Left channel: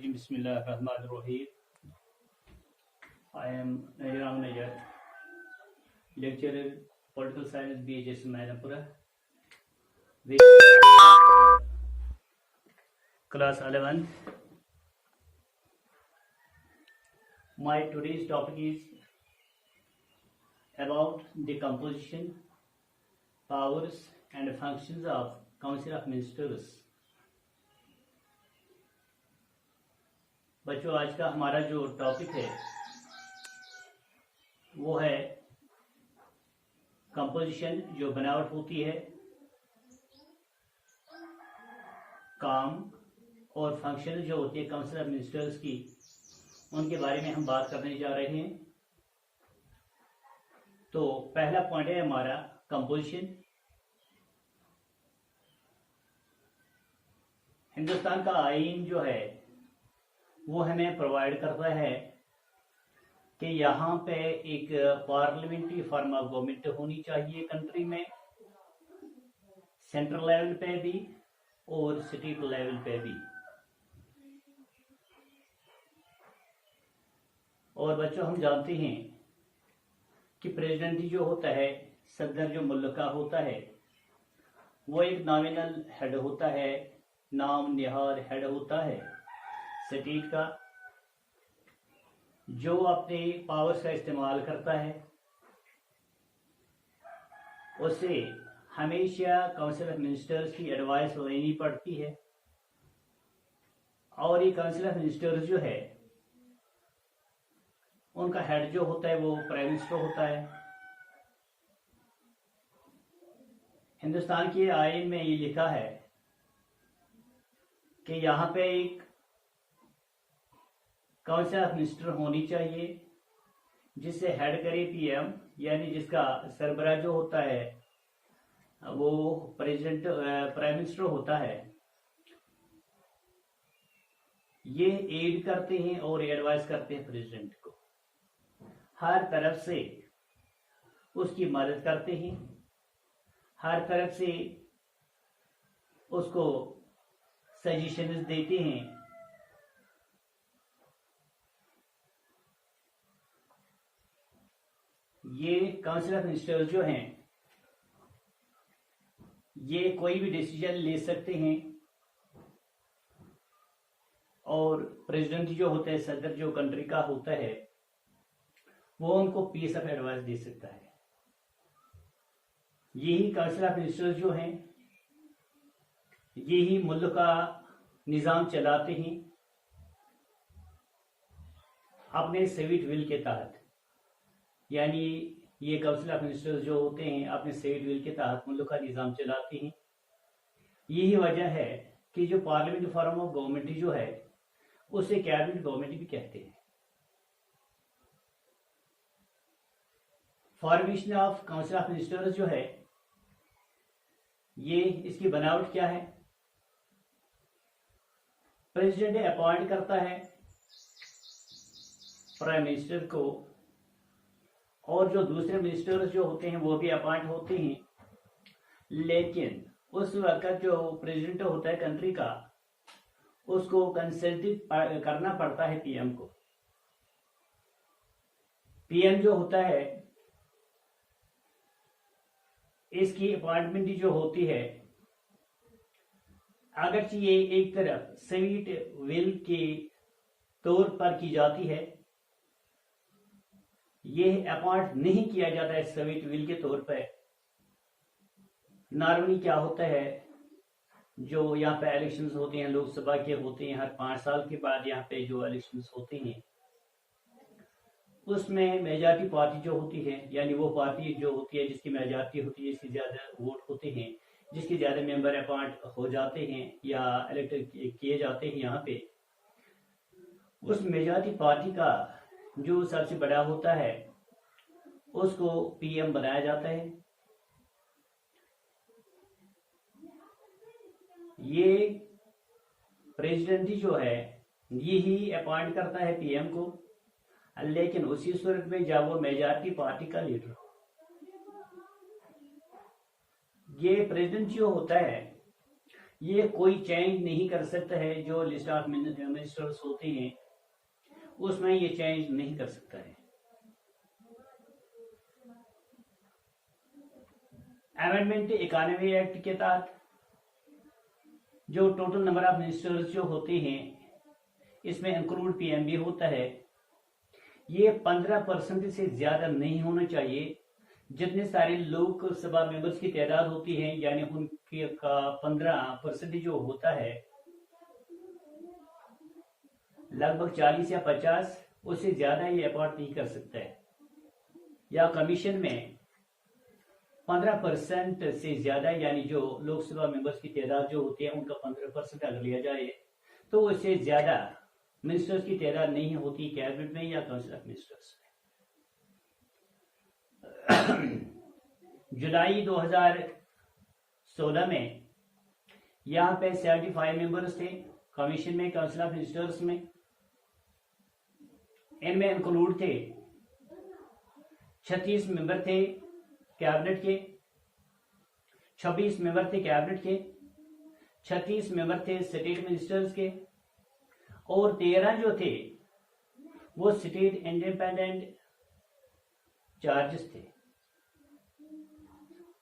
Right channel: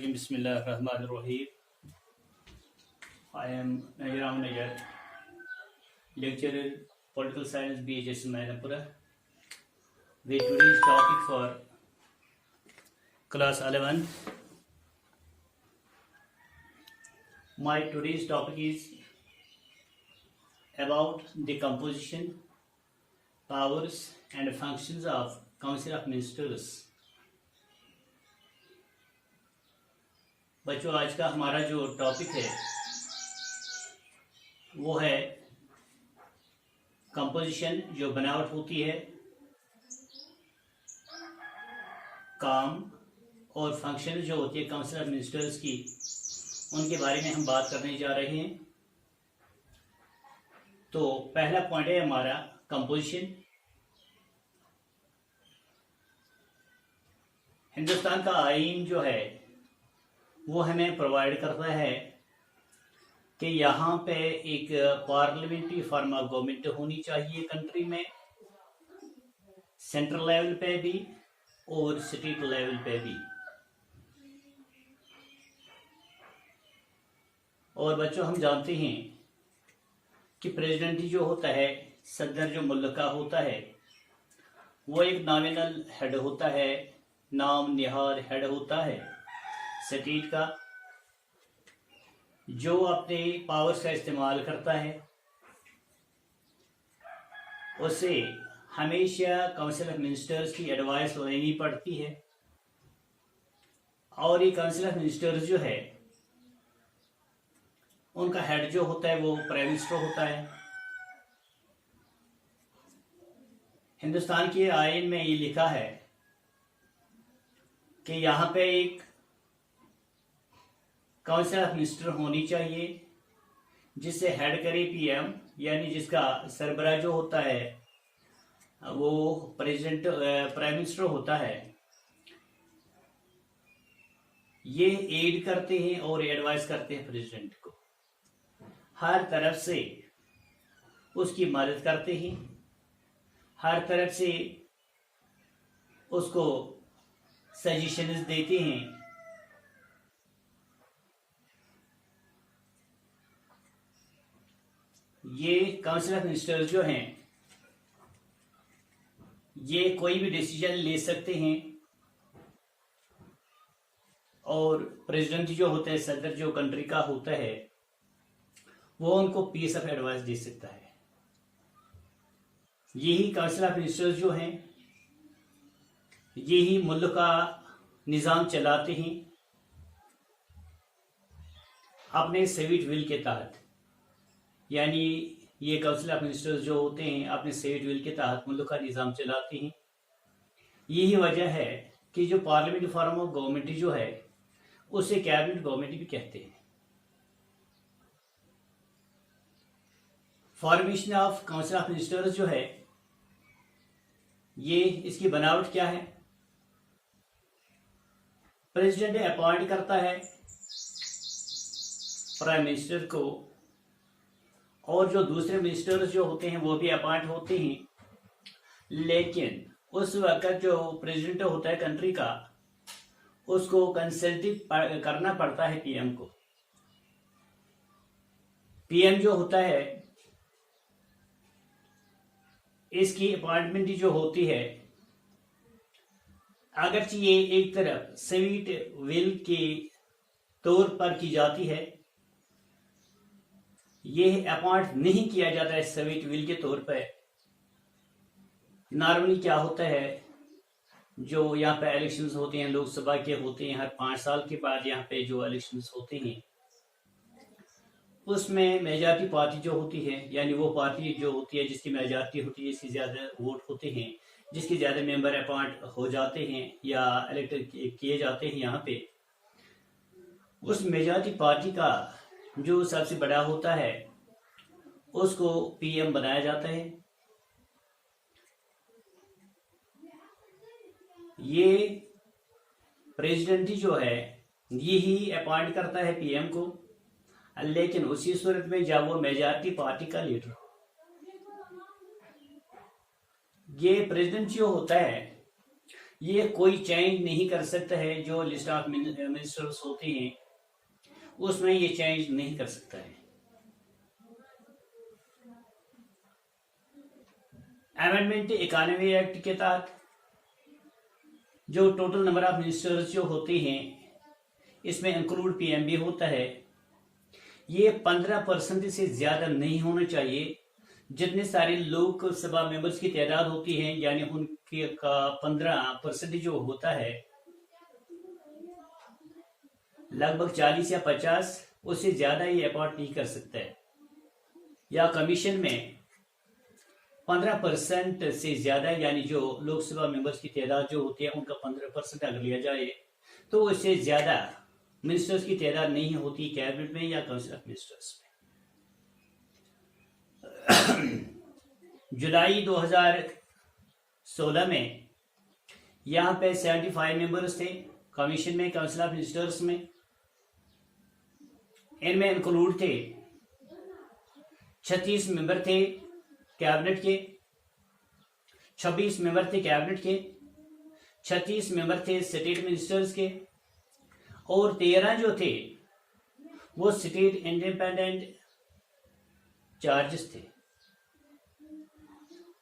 Bismillahirrahmanirrahim. Bismillahirrahmanirrahim. I am Najaram Najar, lecturer Political Science BHS Mainapura, with me for class 11. My today's topic is about the composition, powers and functions of Council of Ministers. बच्चों, आज का हमारा जो topic है वो है composition, जो बनावट होती है, काम और फंक्शन जो होती है काउंसिल ऑफ मिनिस्टर्स की, उनके बारे में हम बात करने जा रहे हैं। तो पहला पॉइंट है हमारा कंपोजिशन। हिंदुस्तान का आईन जो है वो हमें प्रोवाइड करता है कि यहाँ पे एक पार्लियामेंट्री फॉर्म ऑफ गवर्नमेंट होनी चाहिए कंट्री में, सेंट्रल लेवल पे भी और स्टेट लेवल पे भी। और बच्चों, हम जानते हैं कि प्रेसिडेंट जो होता है, सदर जो मुल्क का होता है, वो एक नॉमिनल हेड होता है, नाम निहार हेड होता है स्टेट का, जो अपने पावर्स का इस्तेमाल करता है। उसे हमेशा काउंसिल ऑफ मिनिस्टर्स की एडवाइस लेनी पड़ती है। और ये काउंसिल ऑफ मिनिस्टर्स जो है, उनका हेड जो होता है वो प्राइम मिनिस्टर होता है। हिंदुस्तान के आईन में ये लिखा है कि यहाँ पे एक काउंसिल ऑफ मिनिस्टर होनी चाहिए जिसे हेड करे पीएम, यानी जिसका सरबराह जो होता है वो प्रेसिडेंट प्राइम मिनिस्टर होता है। ये एड करते हैं और एडवाइस करते हैं प्रेसिडेंट को, हर तरफ से उसकी मदद करते हैं, हर तरफ से उसको सजेशंस देते हैं। ये काउंसिल ऑफ मिनिस्टर्स जो हैं, ये कोई भी डिसीजन ले सकते हैं और प्रेसिडेंट जो होता है, सदर जो कंट्री का होता है, वो उनको पीस ऑफ एडवाइस दे सकता है। यही काउंसिल ऑफ मिनिस्टर्स जो हैं, यही मुल्क का निज़ाम चलाते हैं अपने सेविट विल के तहत। यानी ये काउंसिल ऑफ मिनिस्टर्स जो होते हैं अपने सेविट विल के तहत मुल्क का निज़ाम चलाते हैं। यही वजह है कि जो पार्लियामेंट फॉर्म ऑफ गवर्नमेंट जो है उसे कैबिनेट गवर्नमेंट भी कहते हैं। Formation of council of ministers जो है, ये इसकी बनावट क्या है? प्रेसिडेंट अपॉइंट करता है प्राइम मिनिस्टर को, और जो दूसरे मिनिस्टर्स जो होते हैं वो भी अपॉइंट होते हैं। लेकिन उस वक्त जो प्रेसिडेंट होता है कंट्री का, उसको कंसल्ट करना पड़ता है पीएम को। पीएम जो होता है, इसकी अपॉइंटमेंट जो होती है, अगरचे ये एक तरफ सेविट विल के तौर पर की जाती है, ये अपॉइंट नहीं किया जाता है सेविट विल के तौर पर। नॉर्मली क्या होता है, जो यहाँ पे इलेक्शंस होते हैं, लोकसभा के होते हैं, हर 5 साल के बाद यहाँ पे जो इलेक्शंस होते हैं, उसमें मेजॉरिटी पार्टी जो होती है, यानी वो पार्टी जो होती है जिसकी मेजॉरिटी होती है, इसकी ज़्यादा वोट होते हैं, जिसके ज़्यादा मेंबर अपॉइंट हो जाते हैं या इलेक्ट किए जाते हैं यहाँ पे, उस मेजॉरिटी पार्टी का जो सबसे बड़ा होता है उसको पीएम बनाया जाता है। ये प्रेसिडेंट जो है यही अपॉइंट करता है पीएम को, लेकिन उसी सूरत में जब वो मेजॉरिटी पार्टी का लीडर, ये प्रेसिडेंट जो होता है ये कोई चेंज नहीं कर सकता है। जो लिस्ट ऑफ मिनिस्टर्स होते हैं उसमें ये चेंज नहीं कर सकता है। अमेंडमेंट 91 एक्ट के तहत जो टोटल नंबर ऑफ मिनिस्टर्स जो होते हैं इसमें इंक्लूड पीएम भी होता है। ये 15% से ज्यादा नहीं होना चाहिए। जितने सारे लोकसभा मेंबर्स की तादाद होती है यानी उनके का 15% जो होता है, लगभग 40 या 50, उससे ज्यादा ये अपॉइंट नहीं कर सकता है। या कमीशन में 15% से ज्यादा यानी जो लोकसभा मेंबर्स की तादाद जो होती है उनका 15% अगर लिया जाए तो उससे ज्यादा मिनिस्टर्स की तादाद नहीं होती कैबिनेट में या काउंसिल ऑफ मिनिस्टर्स में। जुलाई 2016 में यहाँ पे 75 मेंबर्स थे कमीशन में, काउंसिल ऑफ मिनिस्टर्स में। इनमें इंक्लूड थे 36 मेंबर थे कैबिनेट के, 26 मेंबर थे कैबिनेट के, 36 मेंबर थे स्टेट मिनिस्टर्स के, और 13 जो थे वो स्टेट इंडिपेंडेंट चार्जेस थे।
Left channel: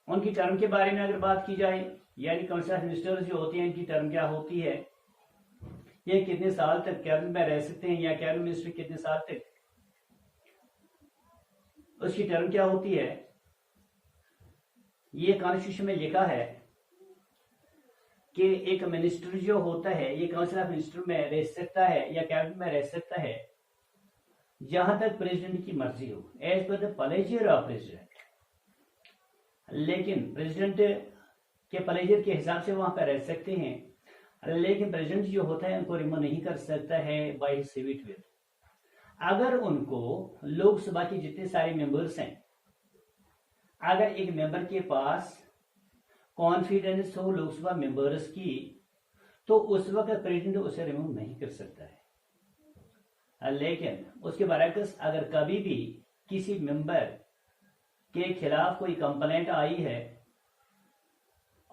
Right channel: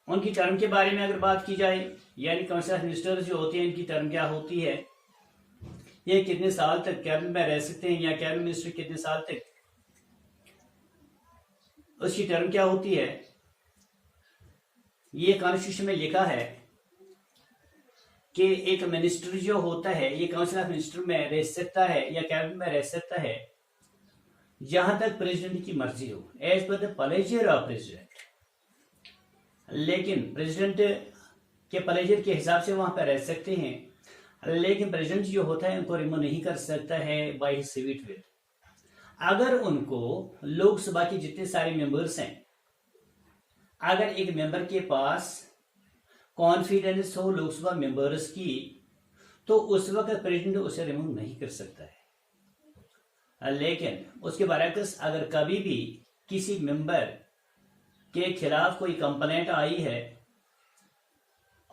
उनकी टर्म के बारे में अगर बात की जाए यानी काउंसिल ऑफ मिनिस्टर्स जो होते हैं इनकी टर्म क्या होती है, ये कितने साल तक कैबिनेट में रह सकते हैं या कैबिनेट मिनिस्टर कितने साल तक, उसकी टर्म क्या होती है। ये कॉन्स्टिट्यूशन में लिखा है कि एक मिनिस्टर जो होता है ये काउंसिल ऑफ मिनिस्टर में रह सकता है या कैबिनेट में रह सकता है जहां तक प्रेसिडेंट की मर्जी हो, as per the pleasure of president. लेकिन प्रेसिडेंट के प्लेजर के हिसाब से वहां पर रह सकते हैं, लेकिन प्रेसिडेंट जो होता है उनको रिमूव नहीं कर सकता है बाय हिज सिविट विल। अगर उनको लोकसभा के जितने सारे मेंबर्स हैं, अगर एक मेंबर के पास कॉन्फिडेंस हो लोकसभा मेंबर्स की, तो उस वक्त प्रेसिडेंट उसे रिमूव नहीं कर सकता है। लेकिन उसके बरअक्स अगर कभी भी किसी मेंबर के खिलाफ कोई कंप्लेंट आई है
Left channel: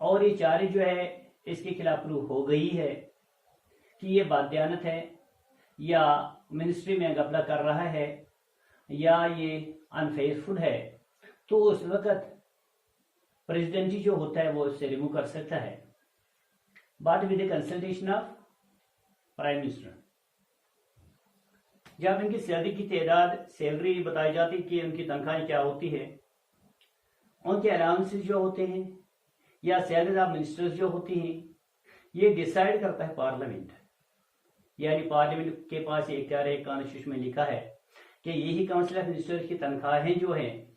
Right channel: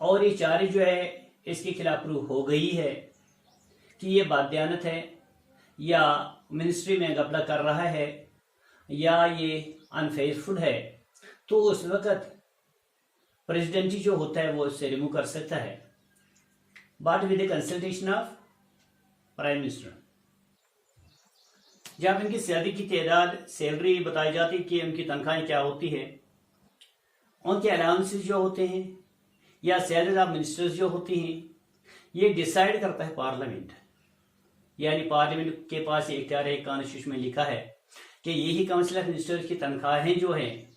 और ये चार्ज जो है इसके खिलाफ प्रूफ हो गई है कि ये बाध्यानत है या मिनिस्ट्री में घपला कर रहा है या ये अनफेयरफुल है, तो उस वक्त प्रेसिडेंट जो होता है वो उससे रिमूव कर सकता है, but with the consultation of prime minister. जब इनकी सैलरी की तादाद, सैलरी बताई जाती है कि उनकी तनख्वाहें क्या होती है, उनके अलाउंसेस जो होते हैं या सैलरी ऑफ मिनिस्टर्स जो होती हैं, ये डिसाइड करता है पार्लियामेंट। यानी पार्लियामेंट के पास ये इख्तियार है, कॉन्स्टिट्यूशन में लिखा है कि यही काउंसिल ऑफ मिनिस्टर्स की तनख्वाहें जो है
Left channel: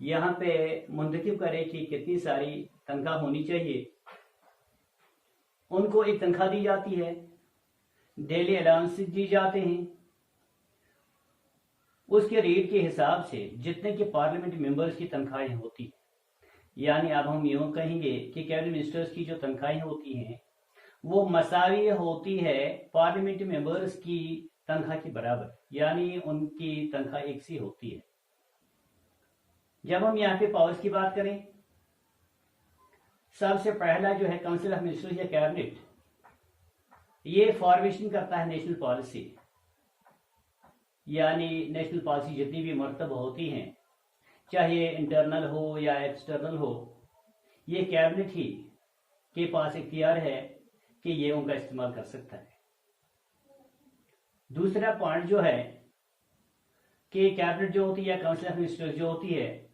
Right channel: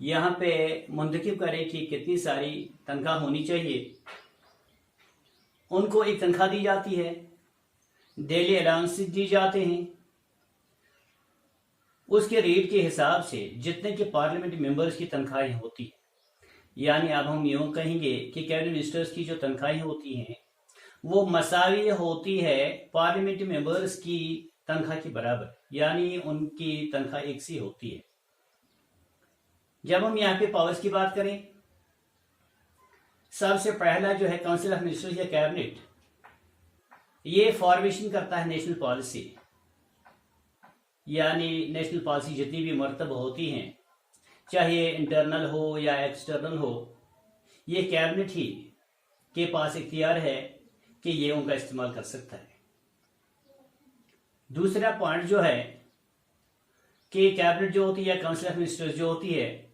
यहाँ पे मुंतखब करे कि कितनी सारी तनख्वाह होनी चाहिए। उनको एक तनख्वाह दी जाती है, डेली अलाउंसेस दी जाते हैं, उसके रेट के हिसाब से जितने के पार्लियामेंट मेंबर्स की तनख्वाहें होती है। यानी अब हम यूं कहेंगे कि कैबिनेट मिनिस्टर्स की जो तनख्वाहें होती हैं वो मसावी होती है पार्लियामेंट मेंबर्स की तनख्वाह के बराबर, यानी उनकी तनख्वाह एक सी होती है। जब हम यहाँ पे पावर्स की बात करें, सबसे पहला जो है काउंसिल ऑफ मिनिस्टर्स या कैबिनेट, ये फॉर्मेशन करता है नेशनल पॉलिसी। यानी नेशनल पॉलिसी जितनी भी मरतब होती हैं, चाहे इंटरनल हो या एक्सटर्नल हो, ये कैबिनेट ही के पास इख्तियार है कि ये उनका इस्तेमाल कर सकता है। दूसरा पॉइंट जो है कि कैबिनेट जो होती है, काउंसिल ऑफ मिनिस्टर्स जो होती है,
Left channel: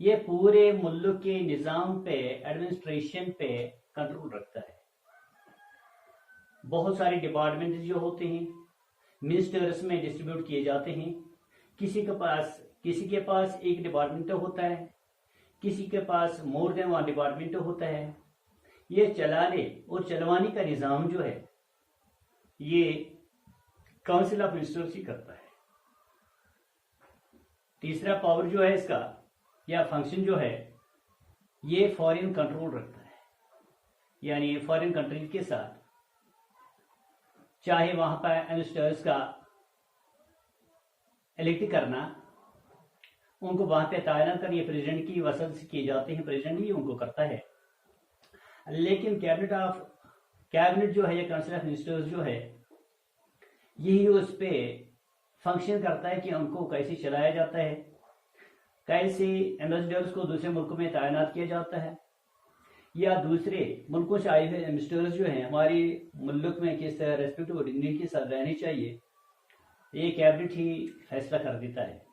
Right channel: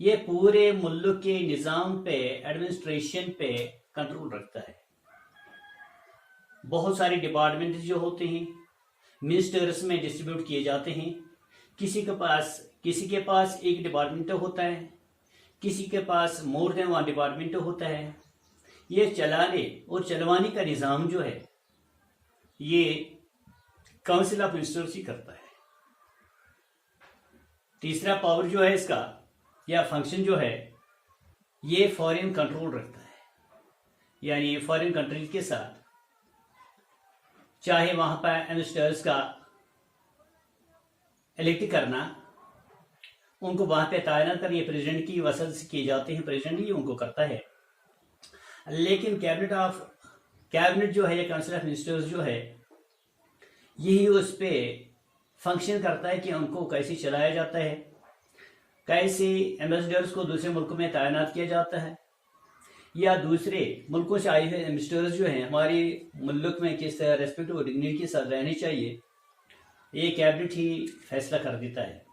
ये पूरे मुल्क के निज़ाम पे, एडमिनिस्ट्रेशन पे कंट्रोल रखता है। बहुत सारे डिपार्टमेंट जो होते हैं मिनिस्टर्स में डिस्ट्रीब्यूट किए जाते हैं। किसी के पास एक डिपार्टमेंट होता है, किसी के पास मोर देन वन डिपार्टमेंट होता है। ये चलाने और चलवाने का निज़ाम जो है ये काउंसिल ऑफ मिनिस्टर्स ही करता है। तीसरा पावर जो है इसका या फंक्शन जो है, ये फॉरेन कंट्रोल रखता है। यानी फॉरेन कंट्रीज के साथ चाहे वहां पर मिनिस्टर्स का इलेक्ट करना, उनको वहां पे तैनात कर, ये प्रेसिडेंट की वसत से किए जाते हैं, प्रेसिडेंट ही उनको करता है। लेकिन कैबिनेट जो है या काउंसिल ऑफ मिनिस्टर्स जो है, यही उस पे फंक्शन करता है कि उनको कैसे चलाया जाता है, कैसे एम्बेसडर्स को दूसरे मुल्क में तैनात किया जाता है, या दूसरे मुल्कों से आए हुए एम्बेसडर्स जो हैं हमारे मुल्क में किस तरह रेस्पेक्ट और डिग्निटी के साथ रहनी चाहिए, ये कैबिनेट ही फैसला कर देता है।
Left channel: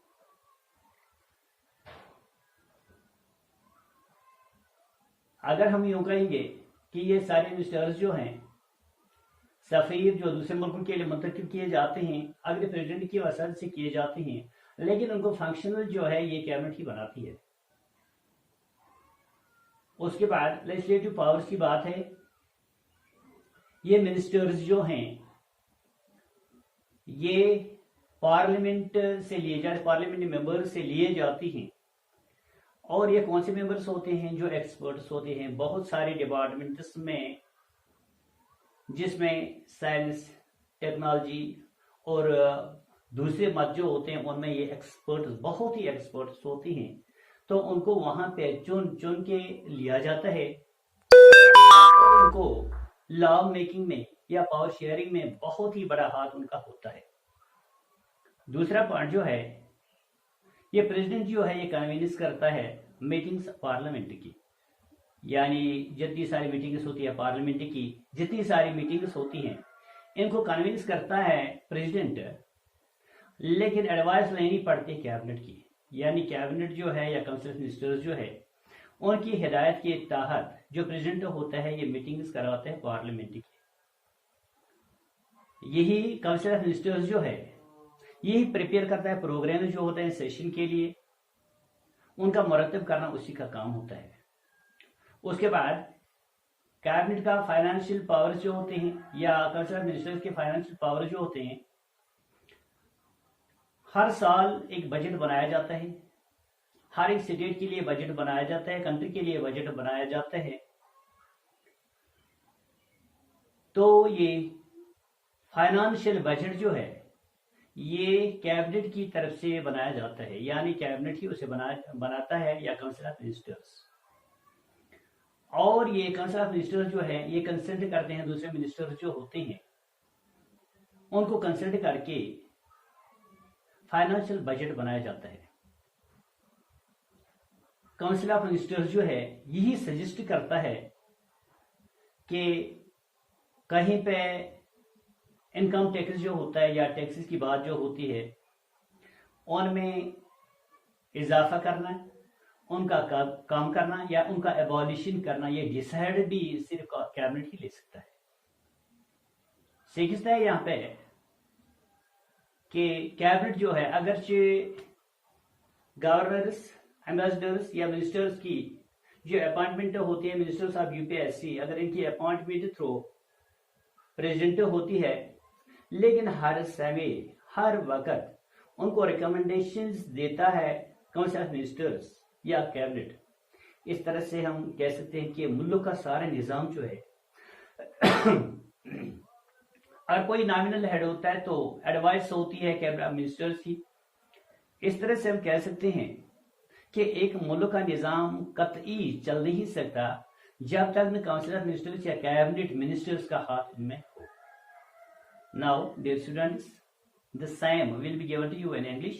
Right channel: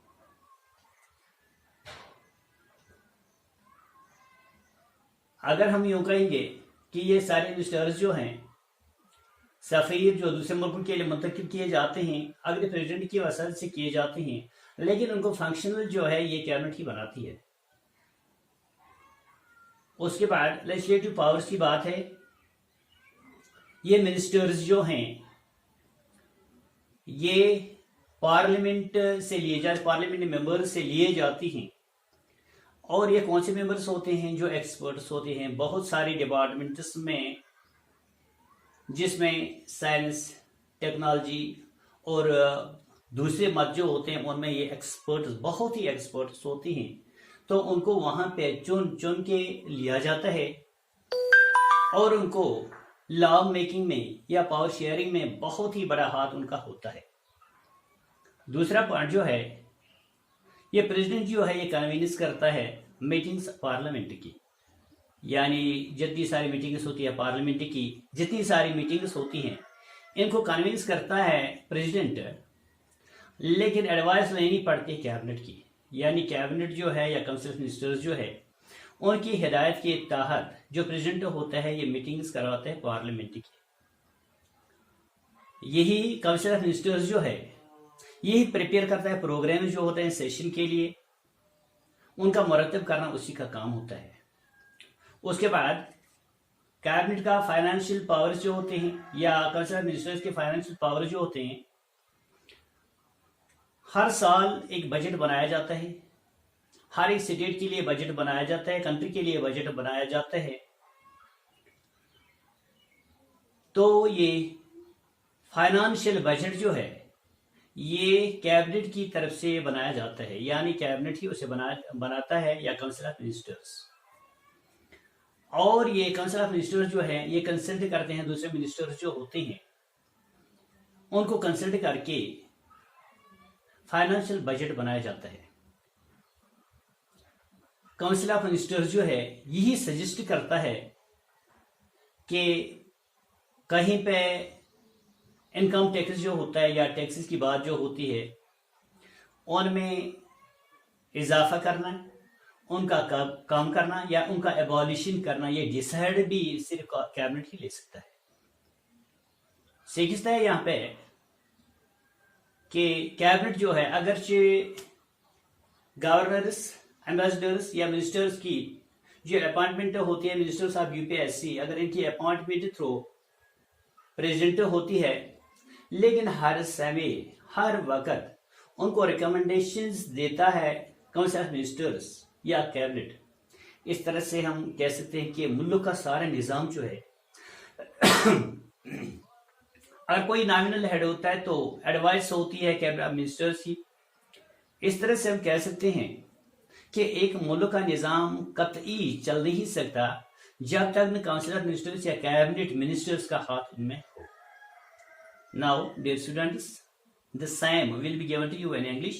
अगर हम यूँ कहेंगे कि ये सारे एम्बेसडर्स जो हैं, सफ़ीर जो दूसरे मुल्कों के लिए मुंतखब किए जाते हैं, अगले प्रेसिडेंट की वसात से किए जाते हैं, लेकिन उनको फंक्शनल जो है ये कैबिनेट ही बनाती है। उसके बाद लेजिस्लेटिव पावर्स की बात है। ये मिनिस्टर्स जो हैं ये पार्लियामेंट से लिए जाते, पार्लियामेंट मेंबर्स से लिए जाती हैं। और ये कौन से मेंबर्स होते हैं? जो एक्सपर्ट्स होते हैं बहुत सारे डिपार्टमेंट्स में, जिसमें साइंस, टेक्नोलॉजी और दूसरे मत जो होते हैं उनमें ये एक्सपर्ट्स, बहुत ही एक्सपर्ट्स होते हैं। तो उनको वहां पे चुन चुन के लिया जाता है और उनको लॉ मेकिंग में या पावर शेयरिंग में बहुत ही बड़ा हाथ उनका होता है। दूसरा पॉइंट जो है, ये प्रेसिडेंट जो है ये कन्वीनियंस करता है मीटिंग्स पार्लियामेंट की, यानी जितनी सारी मीटिंग्स होती है पार्लियामेंट की, जितनी सारी मीटिंग्स होती हैं इनको कन्विंस करता है प्रेसिडेंट, लेकिन एडवाइस लेनी पड़ती है कैबिनेट की। यानी कैबिनेट जो है या काउंसिल ऑफ मिनिस्टर्स जो है उनकी हिदायत के तहत जो प्रेसिडेंट होता है ये मीटिंग्स करवाते हैं पार्लियामेंट की। यही काउंसिल ऑफ मिनिस्टर्स जो है यही प्रिपेयर करता है प्रोग्राम जो होते हैं सेशन के लिए, उनका मुरतब करना उसी का काम होता है। उसके बाद कैबिनेट का फाइनेंशियल पावर्स जो होते हैं या काउंसिल ऑफ मिनिस्टर्स के फाइनेंशियल पावर जो होते हैं, हर साल एक बजट बनाया जाता है, हर एक स्टेट के लिए बजट बनाया जाता है, कंट्री के लिए बजट बनाया जाता है। तो ये फाइनेंशियल बजट जो है ये कैबिनेट की तरफ से बनाया जाता है, यानी कैबिनेट ही उसे बनाता है या काउंसिल ऑफ मिनिस्टर्स। और ये काउंसिल ऑफ मिनिस्टर्स जो है ये कंसल्ट करते हैं दूसरे मिनिस्टर्स जो होते हैं, उनको कंसल्ट करके फाइनेंशियल बजट बनाया जाता है। काउंसिल ऑफ मिनिस्टर्स जो है यही सजेस्ट करता है कि कहीं पे इनकम टैक्स जो होता है या टैक्सेस की बात जो होती है उनमें इजाफा करना, उनका काम करना या उनका एबॉलिशन करना, ये डिसाइड भी सिर्फ कैबिनेट ही ले सकता है। सीखता है यहाँ पे कि कैबिनेट जो है अगरचे गवर्नर्स, एम्बेसडर्स या मिनिस्टर्स की जो अपॉइंटमेंट होती है, मिनिस्टर्स ऑफ यूपीएससी, अगर इनकी अपॉइंटमेंट थ्रू प्रेसिडेंट होती है, लेकिन हर समय हर वक्त उनको रिकमेंडेशंस देता है काउंसिल ऑफ मिनिस्टर्स या कैबिनेट। इस तरह से हम कह सकते हैं कि मुल्क का सारा निज़ाम जो है अगर कोई नॉमिनल हेड होता है तो एडवाइस होती है कैबिनेट ऑफ मिनिस्टर्स की। इस तरह से हम कह सकते हैं कि एक मुल्क का निज़ाम कतई चल नहीं सकता जब तक काउंसिल ऑफ मिनिस्टर्स या कैबिनेट मिनिस्टर्स का हाथ इनमें हो। Now, dear students, the same will be given to you in English.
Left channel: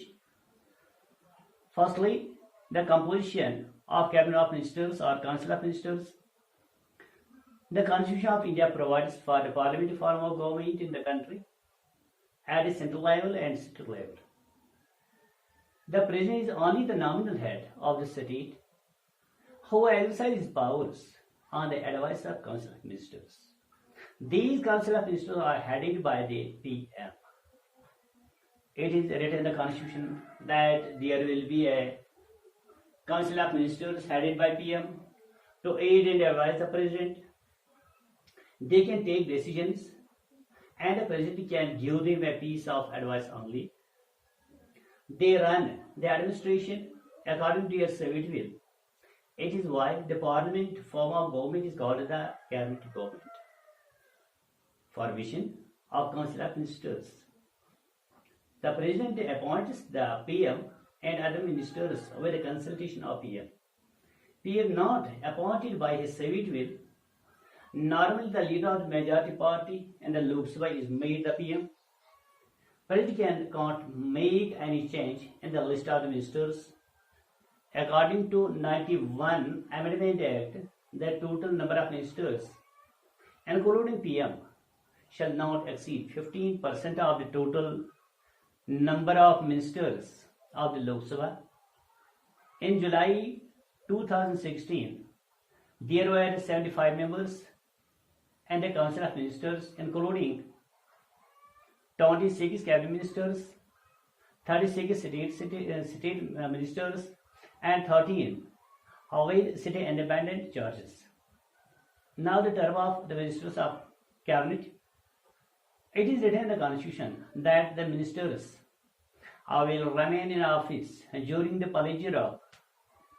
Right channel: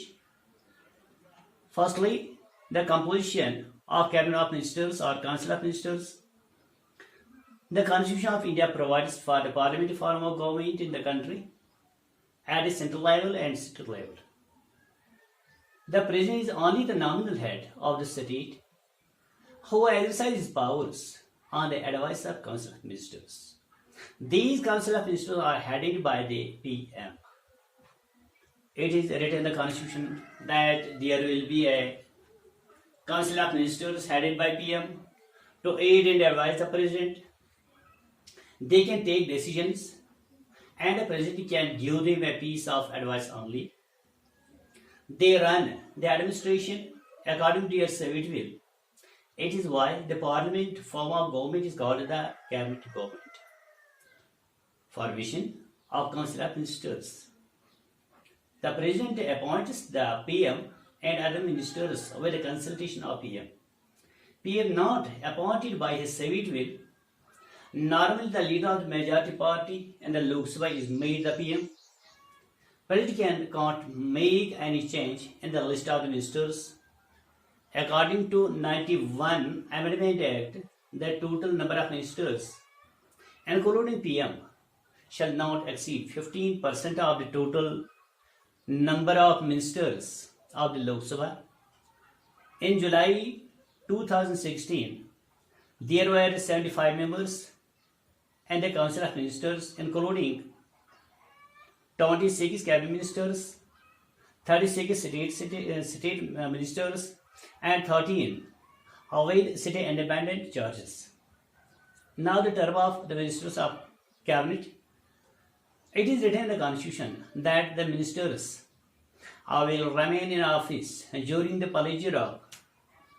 Firstly, the composition of Cabinet of Ministers or Council of Ministers. The Constitution of India provides for the parliamentary form of government in the country at a central level and state level. The President is only the nominal head of the state who exercises powers on the advice of Council of Ministers. These Council of Ministers are headed by the PM. It is written in the Constitution that there will be a Council of Ministers headed by PM to aid and advise the President. They can take decisions and the President can give them a piece of advice only. They run the administration according to their civic will. It is why the Parliament form of government is called the Cabinet government. Formation of Council of Ministers. The President appoints the PM and other ministers with the consultation of PM. PM not appointed by his civic will Normally, the leader of the majority party in the Lok Sabha is made the PM. President can't make any change in the list of the ministers. According to 91 Amendment Act, the total number of ministers, including PM, shall not exceed 15% of the total number of ministers of the Lok Sabha. In July 2016, there were 75 members in the Council of Ministers, including 26 cabinet ministers, 36 state ministers, and 13 Hawaii city independent charges. Now the term of the ministers of cabinet. It is written in the constitution that the ministers will remain in office during the pleasure of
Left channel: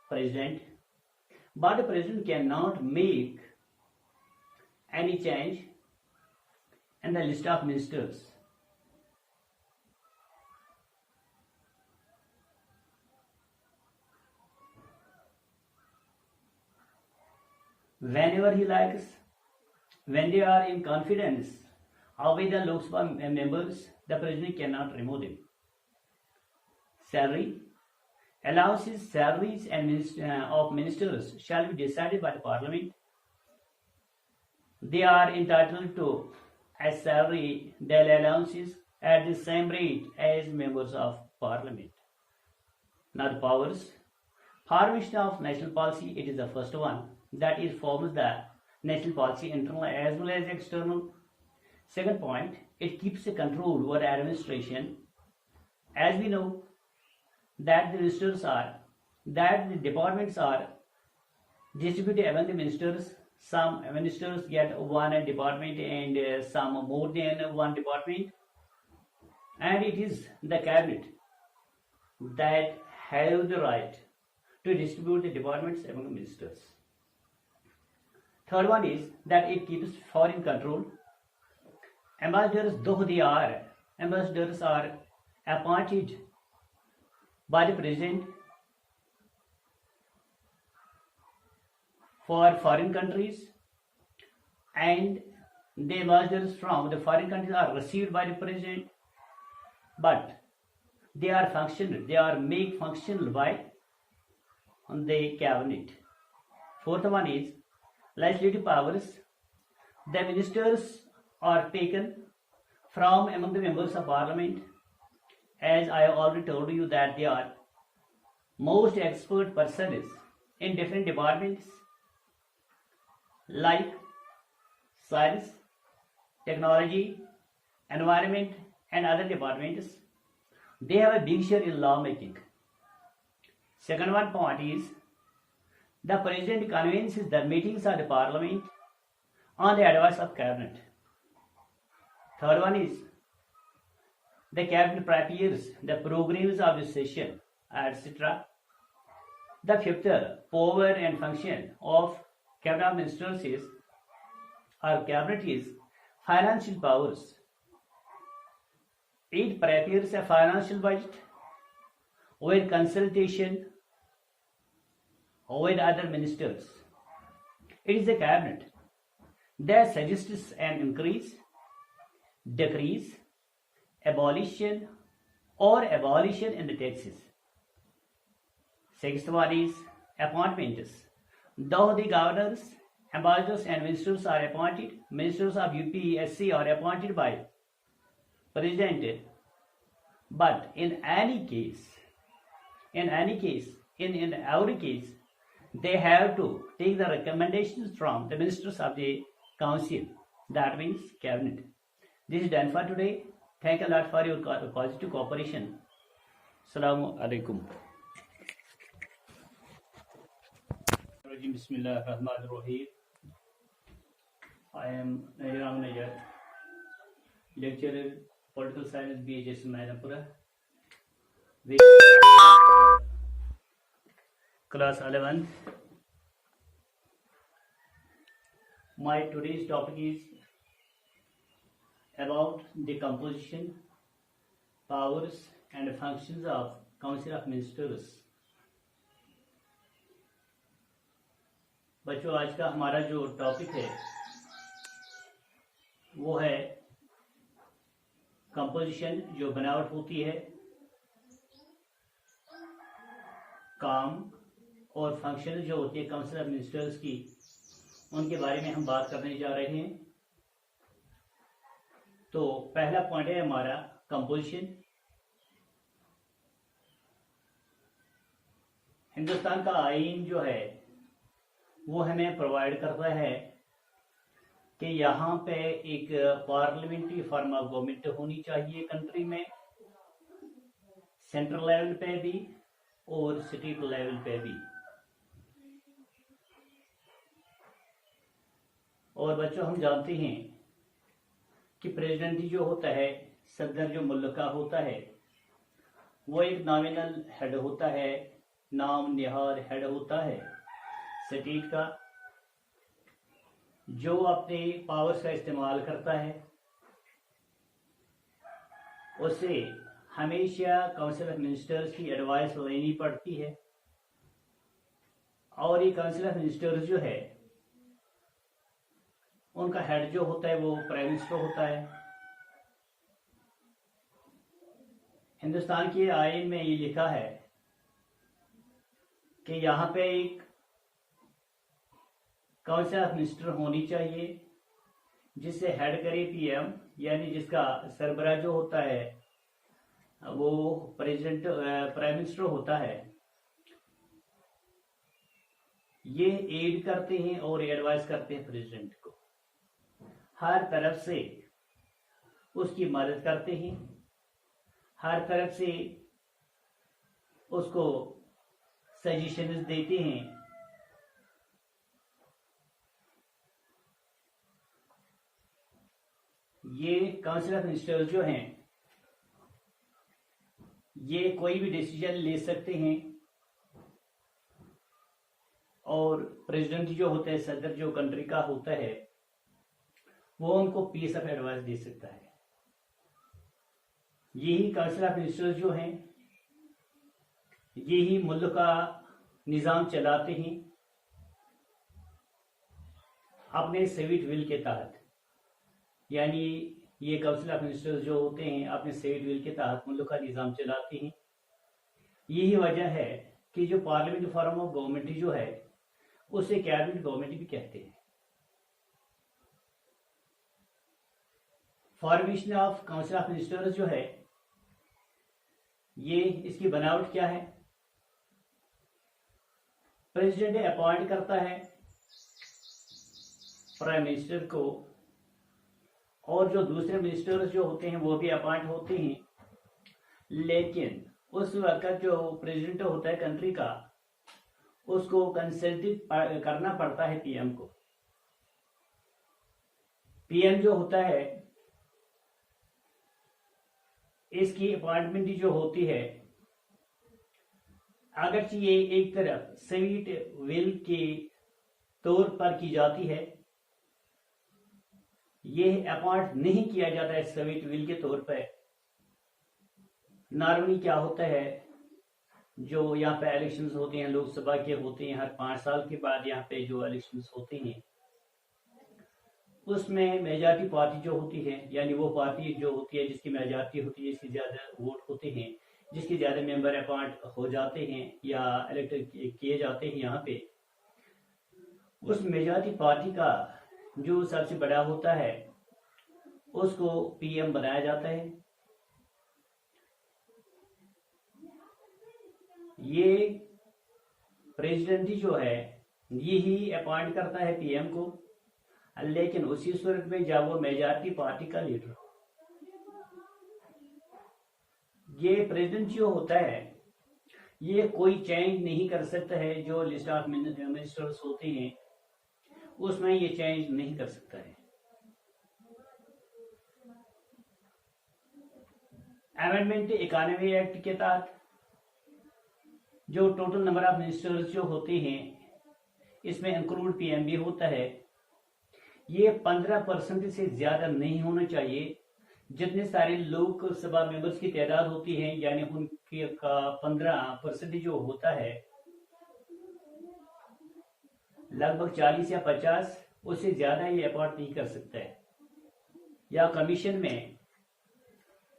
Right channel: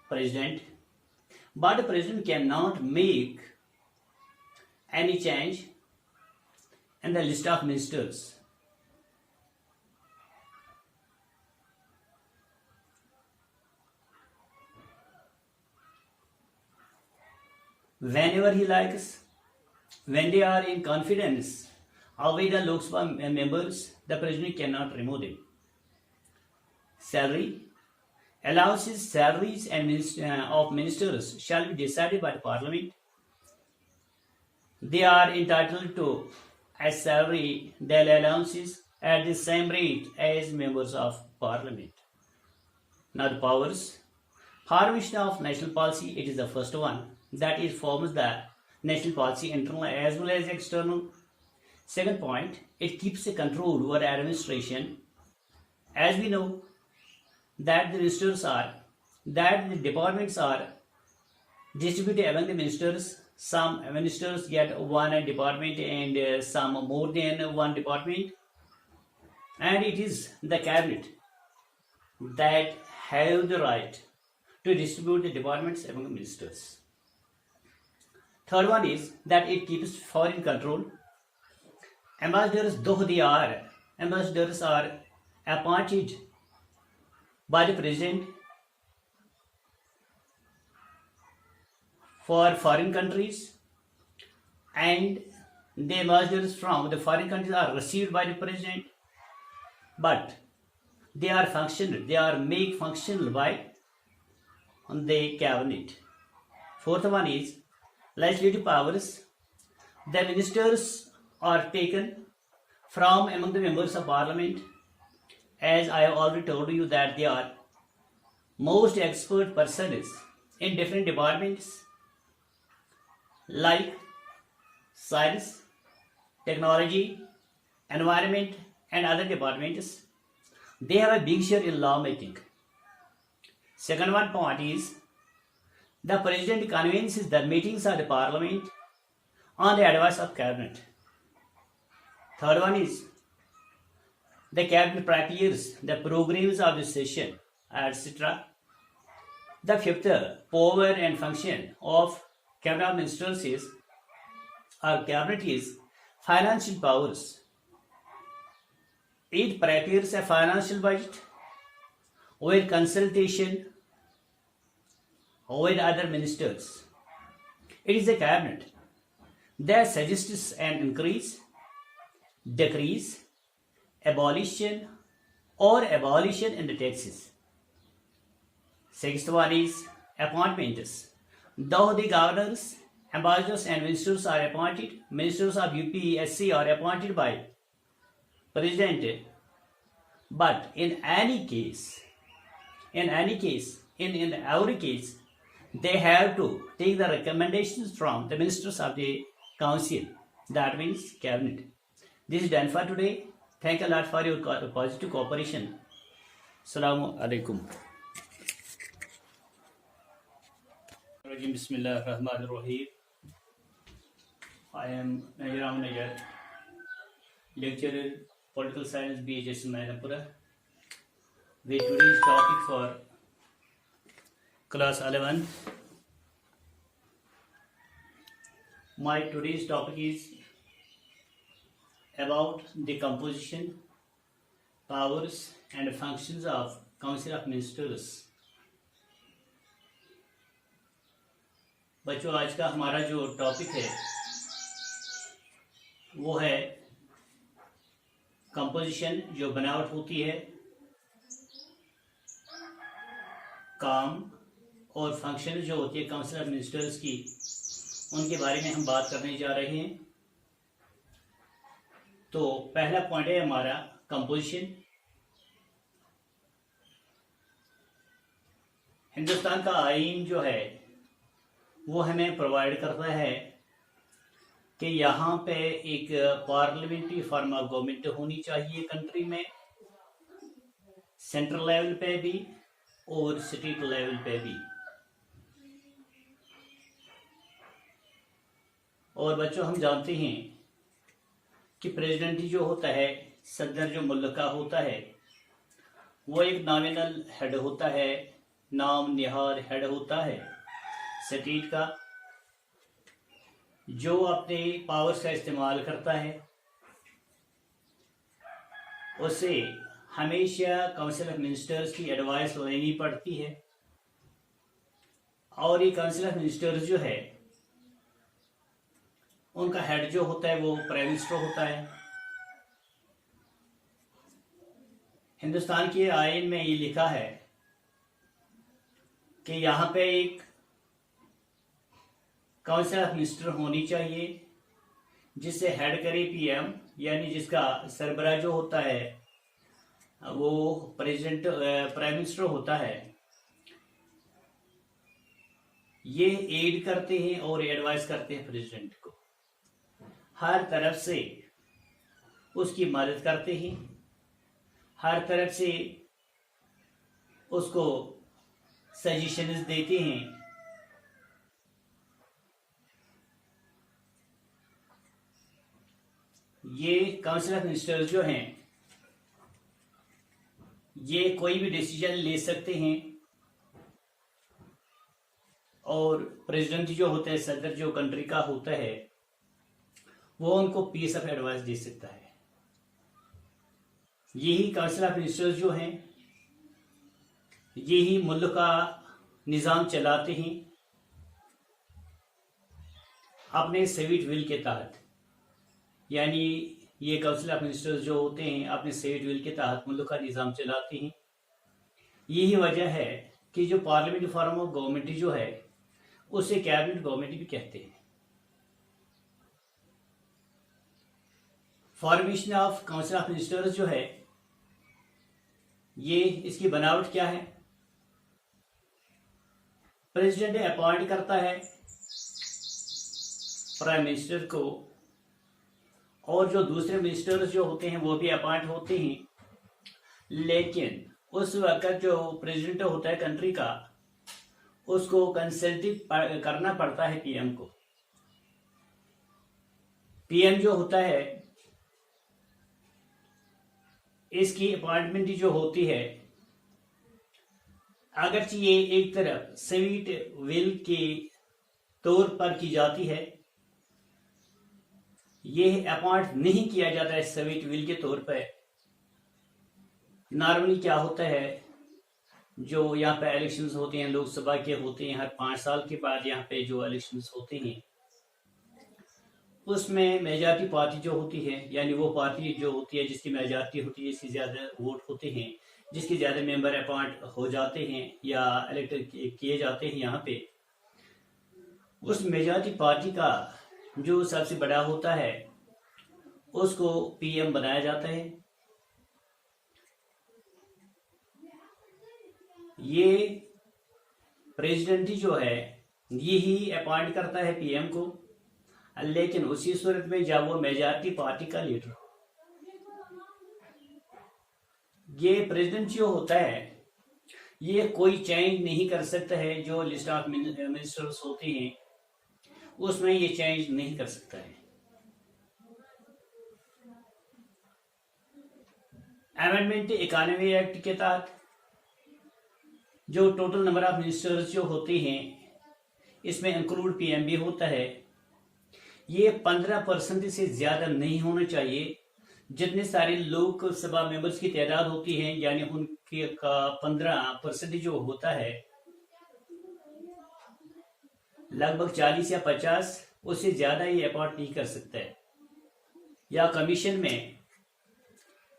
president, but the president cannot make any change in the list of ministers. Whenever he likes, when they are in confidence with the Lok Sabha members, the president cannot remove them. Salary, allowances, salaries and of ministers shall be decided by the parliament. They are entitled to a salary, their allowances at the same rate as members of parliament. Now the powers. Formation of national policy, it is the first one. That is forms the national policy internal as well as external. Second point, it keeps a control over administration. As we know that the departments are distributed among the ministers. Some ministers get one department and some more than one department. And it is the cabinet that have the right to distribute the departments among the ministers. Third one is that it keeps foreign control. Ambassadors, though they are ambassadors, are appointed by the president for foreign countries, and the ambassadors from the foreign countries are received by the president, but they are made functional by the cabinet. Fourth one is legislative powers. The ministers are taken from among the members of parliament. As I have already told you that they are most expert persons in different departments like science, technology, environment, and other departments. They have a big share in lawmaking. Second one point is the president convenes the meetings of the parliament on the advice of cabinet. Third one is the cabinet prepares the programs of the session, etc. The fifth power and function of cabinet ministers is financial powers. It prepares a financial budget with consultation with other ministers. It is the cabinet that suggests an increase, decrease, abolition in the taxes. Sixth one is appointments. Though the governors, ambassadors and ministers are appointed, ministers of UPSC are appointed by president, but in every case, they have to take the recommendations from the ministers of the council, that means cabinet. This is done for today. Thank you a lot for your positive cooperation. Assalamu alaikum. Bismillahirrahmanirrahim. I am Najir Ahmed Najjar, lecturer, political science, BHS in Mainapura. With me for class 11. My today's topic is about the composition, powers and functions of Council of Ministers. बच्चों, आज का हमारा जो topic है वो है composition, जो बनावट होती है, काम और फंक्शन जो होती है काउंसिल ऑफ मिनिस्टर्स की, उनके बारे में हम बात करने जा रहे हैं। तो पहला पॉइंट है हमारा कंपोजिशन। हिंदुस्तान का आईन जो है वो हमें प्रोवाइड करता है कि यहाँ पे एक पार्लियामेंट्री फॉर्म ऑफ गवर्नमेंट होनी चाहिए कंट्री में, सेंट्रल लेवल पे भी और स्टेट लेवल पे भी। और बच्चों, हम जानते हैं कि प्रेसिडेंट जो होता है, सदर जो मुल्क का होता है, वो एक नॉमिनल हेड होता है, नाम निहार हेड होता है स्टेट का, जो अपने पावर्स का इस्तेमाल करता है। उसे हमेशा काउंसिल ऑफ मिनिस्टर्स की एडवाइस लेनी पड़ती है, और ये काउंसिल ऑफ मिनिस्टर्स जो है उनका हेड जो होता है वो प्राइम मिनिस्टर होता है। हिंदुस्तान के आईन में ये लिखा है कि यहाँ पे एक काउंसिल ऑफ मिनिस्टर होनी चाहिए जिससे हेड करे पीएम, यानी जिसका सरबराह जो होता है वो प्रेसिडेंट प्राइम मिनिस्टर होता है। ये एड करते हैं और एडवाइस करते हैं प्रेसिडेंट को, हर तरफ से उसकी मदद करते हैं, हर तरफ से उसको सजेशंस देते हैं। ये काउंसिल ऑफ मिनिस्टर्स जो हैं ये कोई भी डिसीजन ले सकते हैं, और प्रेसिडेंट जो होता है, सदर जो कंट्री का होता है, वो उनको पीस ऑफ एडवाइस दे सकता है। यही काउंसिल ऑफ मिनिस्टर्स जो हैं यही मुल्क का निज़ाम चलाते हैं अपने सेविट विल के तहत। यानी ये काउंसिल ऑफ मिनिस्टर्स जो होते हैं अपने सेविट विल के तहत मुल्क का निज़ाम चलाते हैं। यही वजह है कि जो पार्लियामेंट्री फॉर्म ऑफ गवर्नमेंट जो है उसे कैबिनेट गवर्नमेंट भी कहते हैं। Formation of council of ministers जो है ये इसकी बनावट क्या है? प्रेसिडेंट अपॉइंट करता है प्राइम मिनिस्टर को, और जो दूसरे मिनिस्टर्स जो होते हैं वो भी अपॉइंट होते हैं, लेकिन उस वक्त जो प्रेसिडेंट होता है कंट्री का उसको कंसल्ट करना पड़ता है पीएम को। पीएम जो होता है इसकी अपॉइंटमेंट जो होती है, अगरचे ये एक तरफ स्वीट विल के तौर पर की जाती है, ये अपॉइंट नहीं किया जाता है स्वीट विल के तौर पर। नॉर्मली क्या होता है, जो यहाँ पे इलेक्शंस होते हैं लोकसभा के होते हैं, हर 5 साल के बाद यहाँ पे जो इलेक्शंस होते हैं उसमें मेजॉरिटी पार्टी जो होती है, यानी वो पार्टी जो होती है जिसकी मेजॉरिटी होती है, जिसकी ज़्यादा वोट होते हैं, जिसके ज़्यादा मेंबर अपॉइंट हो जाते हैं या इलेक्ट किए जाते हैं यहाँ पे, उस मेजॉरिटी पार्टी का जो सबसे बड़ा होता है उसको पीएम बनाया जाता है। ये प्रेसिडेंट जो है यही अपॉइंट करता है पीएम को, लेकिन उसी सूरत में जब वो मेजॉरिटी पार्टी का लीडर हो। ये प्रेसिडेंट जो होता है ये कोई चेंज नहीं कर सकता है, जो लिस्ट ऑफ मिनिस्टर्स होते हैं उसमें ये चेंज नहीं कर सकता है। अमेंडमेंट 91 एक्ट के तहत जो टोटल नंबर ऑफ मिनिस्टर्स जो होते हैं इसमें इंक्लूड पीएम भी होता है, ये 15% से ज्यादा नहीं होना चाहिए। जितने सारे लोकसभा मेंबर्स की तादाद होती है, यानी उनके का 15% जो होता है, लगभग 40 या 50, उससे ज्यादा ये अपॉइंट नहीं कर सकता है। या कमीशन में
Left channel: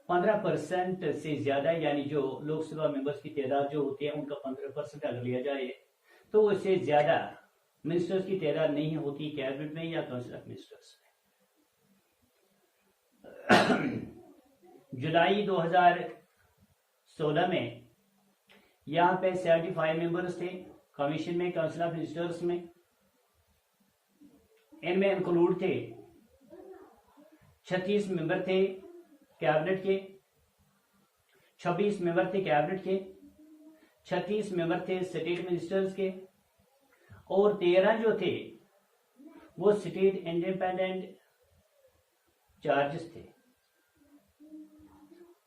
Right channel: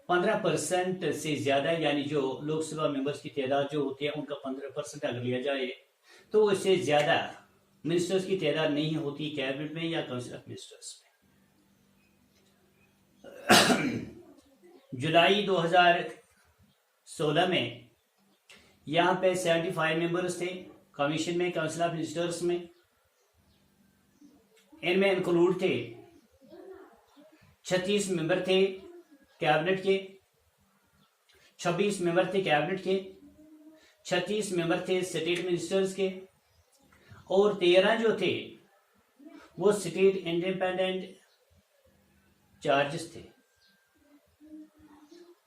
15% से ज़्यादा, यानी जो लोकसभा मेंबर्स की तादाद जो होती है उनका 15% अगर लिया जाए तो उससे ज़्यादा मिनिस्टर्स की तादाद नहीं होती कैबिनेट में या काउंसिल ऑफ मिनिस्टर्स में। जुलाई 2016 में यहाँ पे 75 मेंबर्स थे कमीशन में, काउंसिल ऑफ मिनिस्टर्स में। इनमें इंक्लूड थे 36 मेंबर थे कैबिनेट के, 26 मेंबर थे कैबिनेट के, 36 मेंबर थे स्टेट मिनिस्टर्स के, और 13 जो थे वो स्टेट इंडिपेंडेंट चार्जेस थे।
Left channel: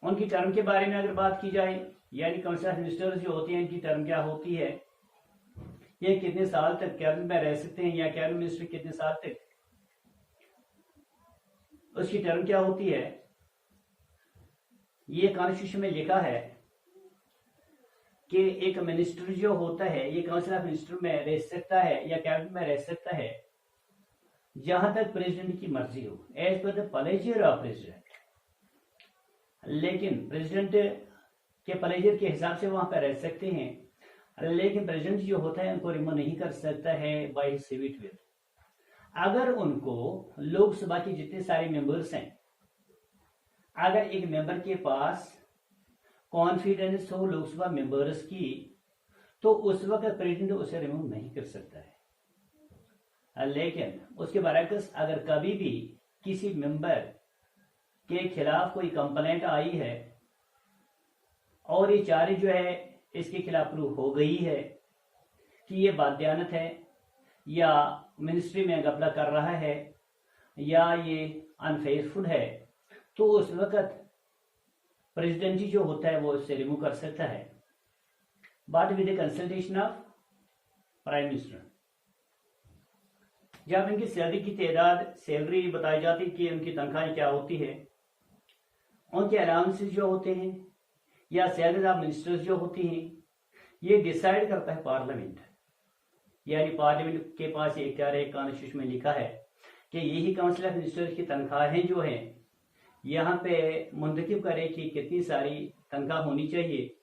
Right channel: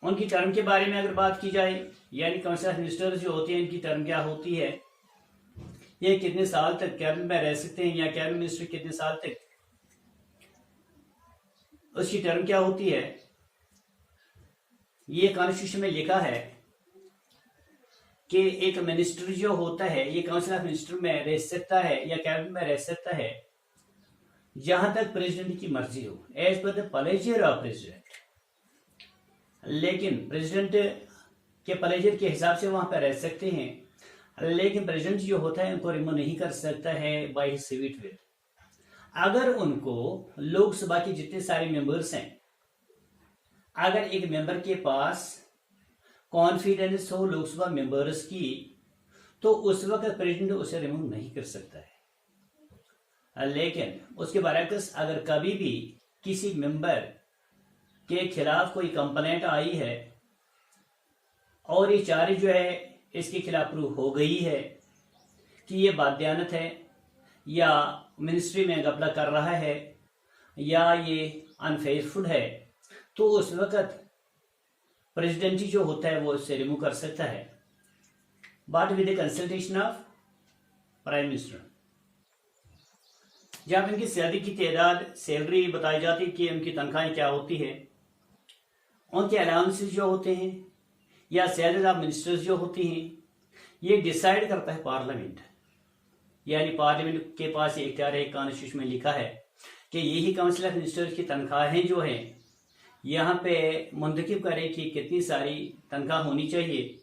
उनकी टर्म के बारे में अगर बात की जाए, यानी काउंसिल ऑफ मिनिस्टर्स जो होते हैं इनकी टर्म क्या होती है, ये कितने साल तक कैबिनेट में रह सकते हैं या कैबिनेट मिनिस्टर कितने साल तक, उसकी टर्म क्या होती है, ये कॉन्स्टिट्यूशन में लिखा है कि एक मिनिस्टर जो होता है ये काउंसिल ऑफ मिनिस्टर में रह सकता है या कैबिनेट में रह सकता है जहां तक प्रेसिडेंट की मर्जी हो, as per the pleasure of president. लेकिन प्रेसिडेंट के प्लेजर के हिसाब से वहां पर रह सकते हैं, लेकिन प्रेसिडेंट जो होता है उनको रिमूव नहीं कर सकता है बाय हिज सिविट विल। अगर उनको लोकसभा के जितने सारे मेंबर्स हैं, अगर एक मेंबर के पास कॉन्फिडेंस हो लोकसभा मेंबर्स की, तो उस वक्त प्रेसिडेंट उसे रिमूव नहीं कर सकता है। लेकिन उसके बरअक्स अगर कभी भी किसी मेंबर के खिलाफ कोई कंप्लेंट आई है और ये चार्ज जो है इसके खिलाफ प्रूव हो गई है कि ये बादयानत है या मिनिस्ट्री में घपला कर रहा है या ये अनफेयरफुल है, तो उस वक्त प्रेसिडेंट जो होता है वो इससे रिमूव कर सकता है, but with the consultation of prime minister. जब इनकी सैलरी की तादाद, सैलरी बताई जाती है कि उनकी तनख्वाहें क्या होती है, उनके अलाउंसेस जो होते हैं या सैलरी ऑफ मिनिस्टर्स जो होती हैं, ये डिसाइड करता है पार्लियामेंट। यानी पार्लियामेंट के पास ये इख्तियार है, कॉन्स्टिट्यूशन में लिखा है कि यही काउंसिल ऑफ मिनिस्टर्स की तनख्वाहें जो हैं यहाँ पे मुंतखब करे कि कितनी सारी तनख्वाह होनी चाहिए।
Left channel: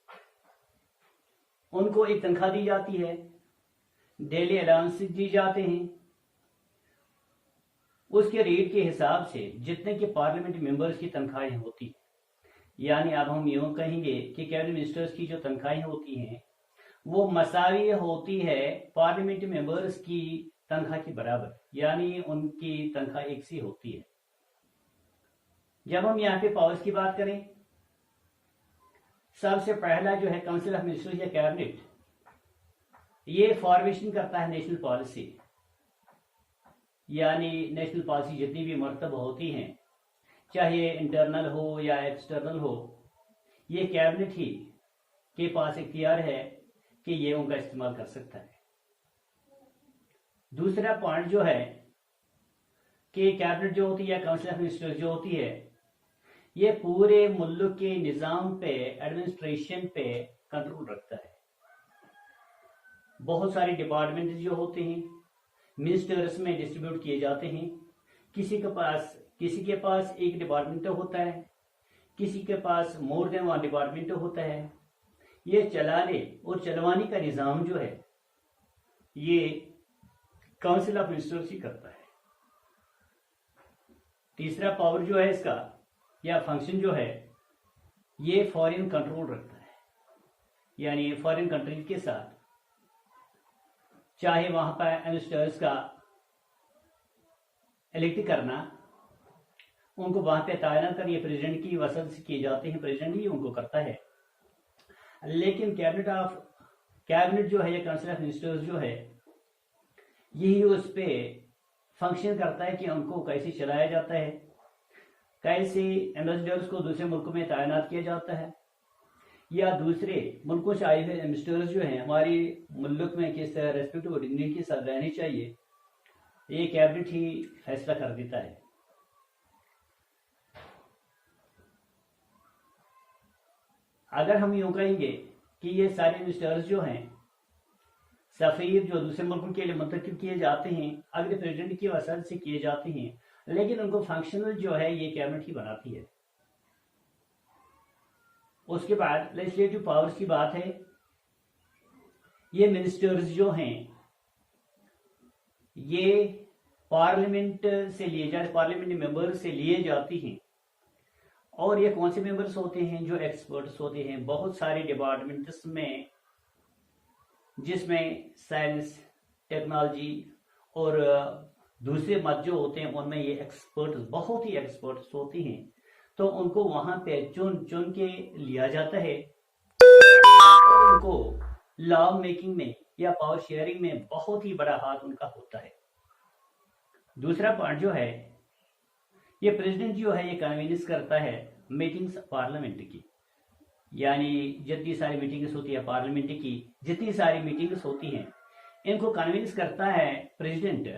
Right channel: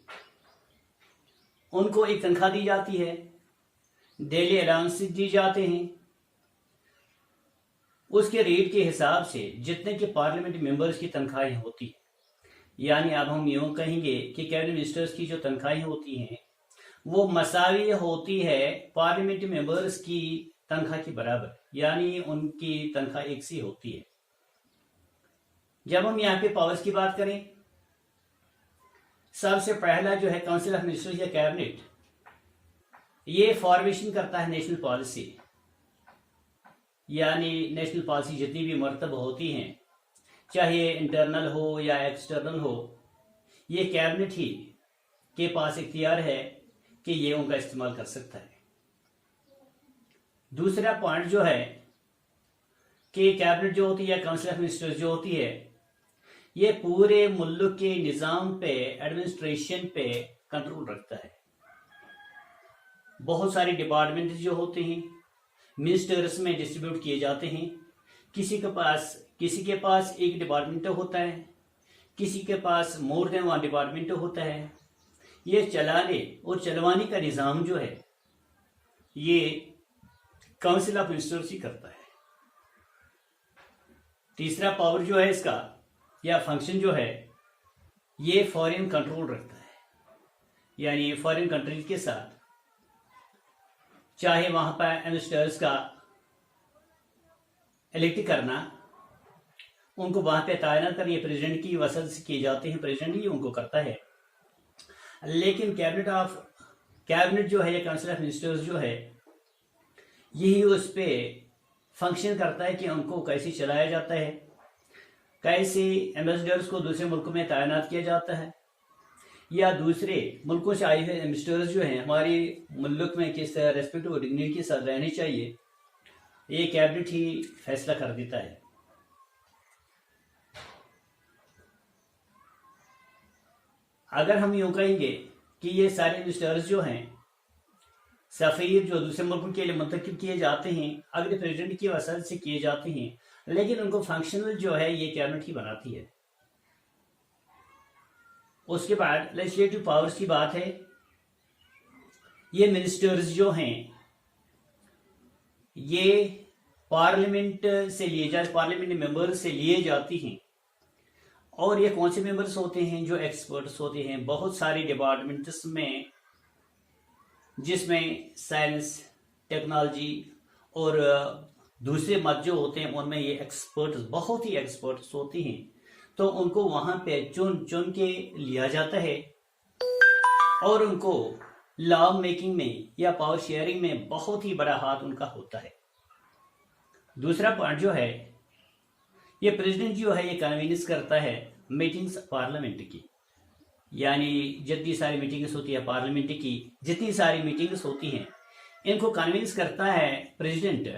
उनको एक तनख्वाह दी जाती है, डेली अलाउंसेस दी जाते हैं, उसके रेट के हिसाब से जितने के पार्लियामेंट मेंबर्स की तनख्वाहें होती हैं। यानी अब हम यूँ कहेंगे कि कैबिनेट मिनिस्टर्स की जो तनख्वाहें होती हैं वो मसावी होती है पार्लियामेंट मेंबर्स की तनख्वाह के बराबर, यानी उनकी तनख्वाह एक सी होती है। जब हम यहाँ पे पावर्स की बात करें, सबसे पहला जो है काउंसिल ऑफ मिनिस्टर्स या कैबिनेट, ये फॉर्मेशन करता है नेशनल पॉलिसी। यानी नेशनल पॉलिसी जितनी भी मरतब होती हैं, चाहे इंटरनल हो या एक्सटर्नल हो, ये कैबिनेट ही के पास इख्तियार है कि ये उनका इस्तेमाल कर सकता है। दूसरा पॉइंट जो है कि कैबिनेट जो होती है, काउंसिल ऑफ मिनिस्टर्स जो होती है, ये पूरे मुल्क के निज़ाम पे, एडमिनिस्ट्रेशन पे कंट्रोल रखता है। बहुत सारे डिपार्टमेंट जो होते हैं मिनिस्टर्स में डिस्ट्रीब्यूट किए जाते हैं। किसी के पास एक डिपार्टमेंट होता है, किसी के पास मोर देन वन डिपार्टमेंट होता है। ये चलाने और चलवाने का निज़ाम जो है ये काउंसिल ऑफ मिनिस्टर्स ही करता है। तीसरा पावर जो है इसका या फंक्शन जो है, ये फॉरेन कंट्रोल रखता है। यानी फॉरेन कंट्रीज के साथ चाहे वहां पर मिनिस्टर्स का इलेक्ट करना, उनको वहां पे तैनात करके प्रेसिडेंट की वसत से किए जाते हैं, प्रेसिडेंट ही उनको करता है। लेकिन कैबिनेट जो है या काउंसिल ऑफ मिनिस्टर्स जो है, यही उस पे फंक्शन करता है कि उनको कैसे चलाया जाता है, कैसे एम्बेसडर्स को दूसरे मुल्क में तैनात किया जाता है, या दूसरे मुल्कों से आए हुए एम्बेसडर्स जो हैं हमारे मुल्क में किस तरह रेस्पेक्ट और डिग्निटी के साथ रहने चाहिए, ये कैबिनेट ही फैसला कर देता है। अगर हम यूँ कहेंगे कि ये सारे मिनिस्टर्स जो हैं सफ़ीर जो दूसरे मुल्कों के लिए मुंतखब किए जाते हैं, अगर प्रेसिडेंट की वसत से किए जाते हैं, लेकिन उनको फंक्शनल जो है ये कैबिनेट ही बनाती है। उसके बाद लेजिस्लेटिव पावर्स की बात है, ये मिनिस्टर्स जो हैं ये पार्लियामेंट से लिए जाते, पार्लियामेंट मेंबर्स से लिए जाती हैं। और ये कौन से मेंबर्स होते हैं? जो एक्सपर्ट्स होते हैं बहुत सारे डिपार्टमेंट्स में, जिसमें साइंस, टेक्नोलॉजी और दूसरे मत जो होते हैं उनमें ये एक्सपर्ट्स, बहुत ही एक्सपर्ट्स होती हैं। तो उनको वहां पे चुन चुन के लिया जाता है और उनको लॉ मेकिंग में या पावर शेयरिंग में बहुत ही बड़ा हाथ उनका होता है। दूसरा पॉइंट जो है, ये प्रेसिडेंट जो है ये कन्वीनियंस करता है मीटिंग्स पार्लियामेंट की, यानी जितनी सारी मीटिंग्स होती है पार्लियामेंट की, जितनी सारी मीटिंग्स होती हैं इनको कन्विंस करता है प्रेसिडेंट,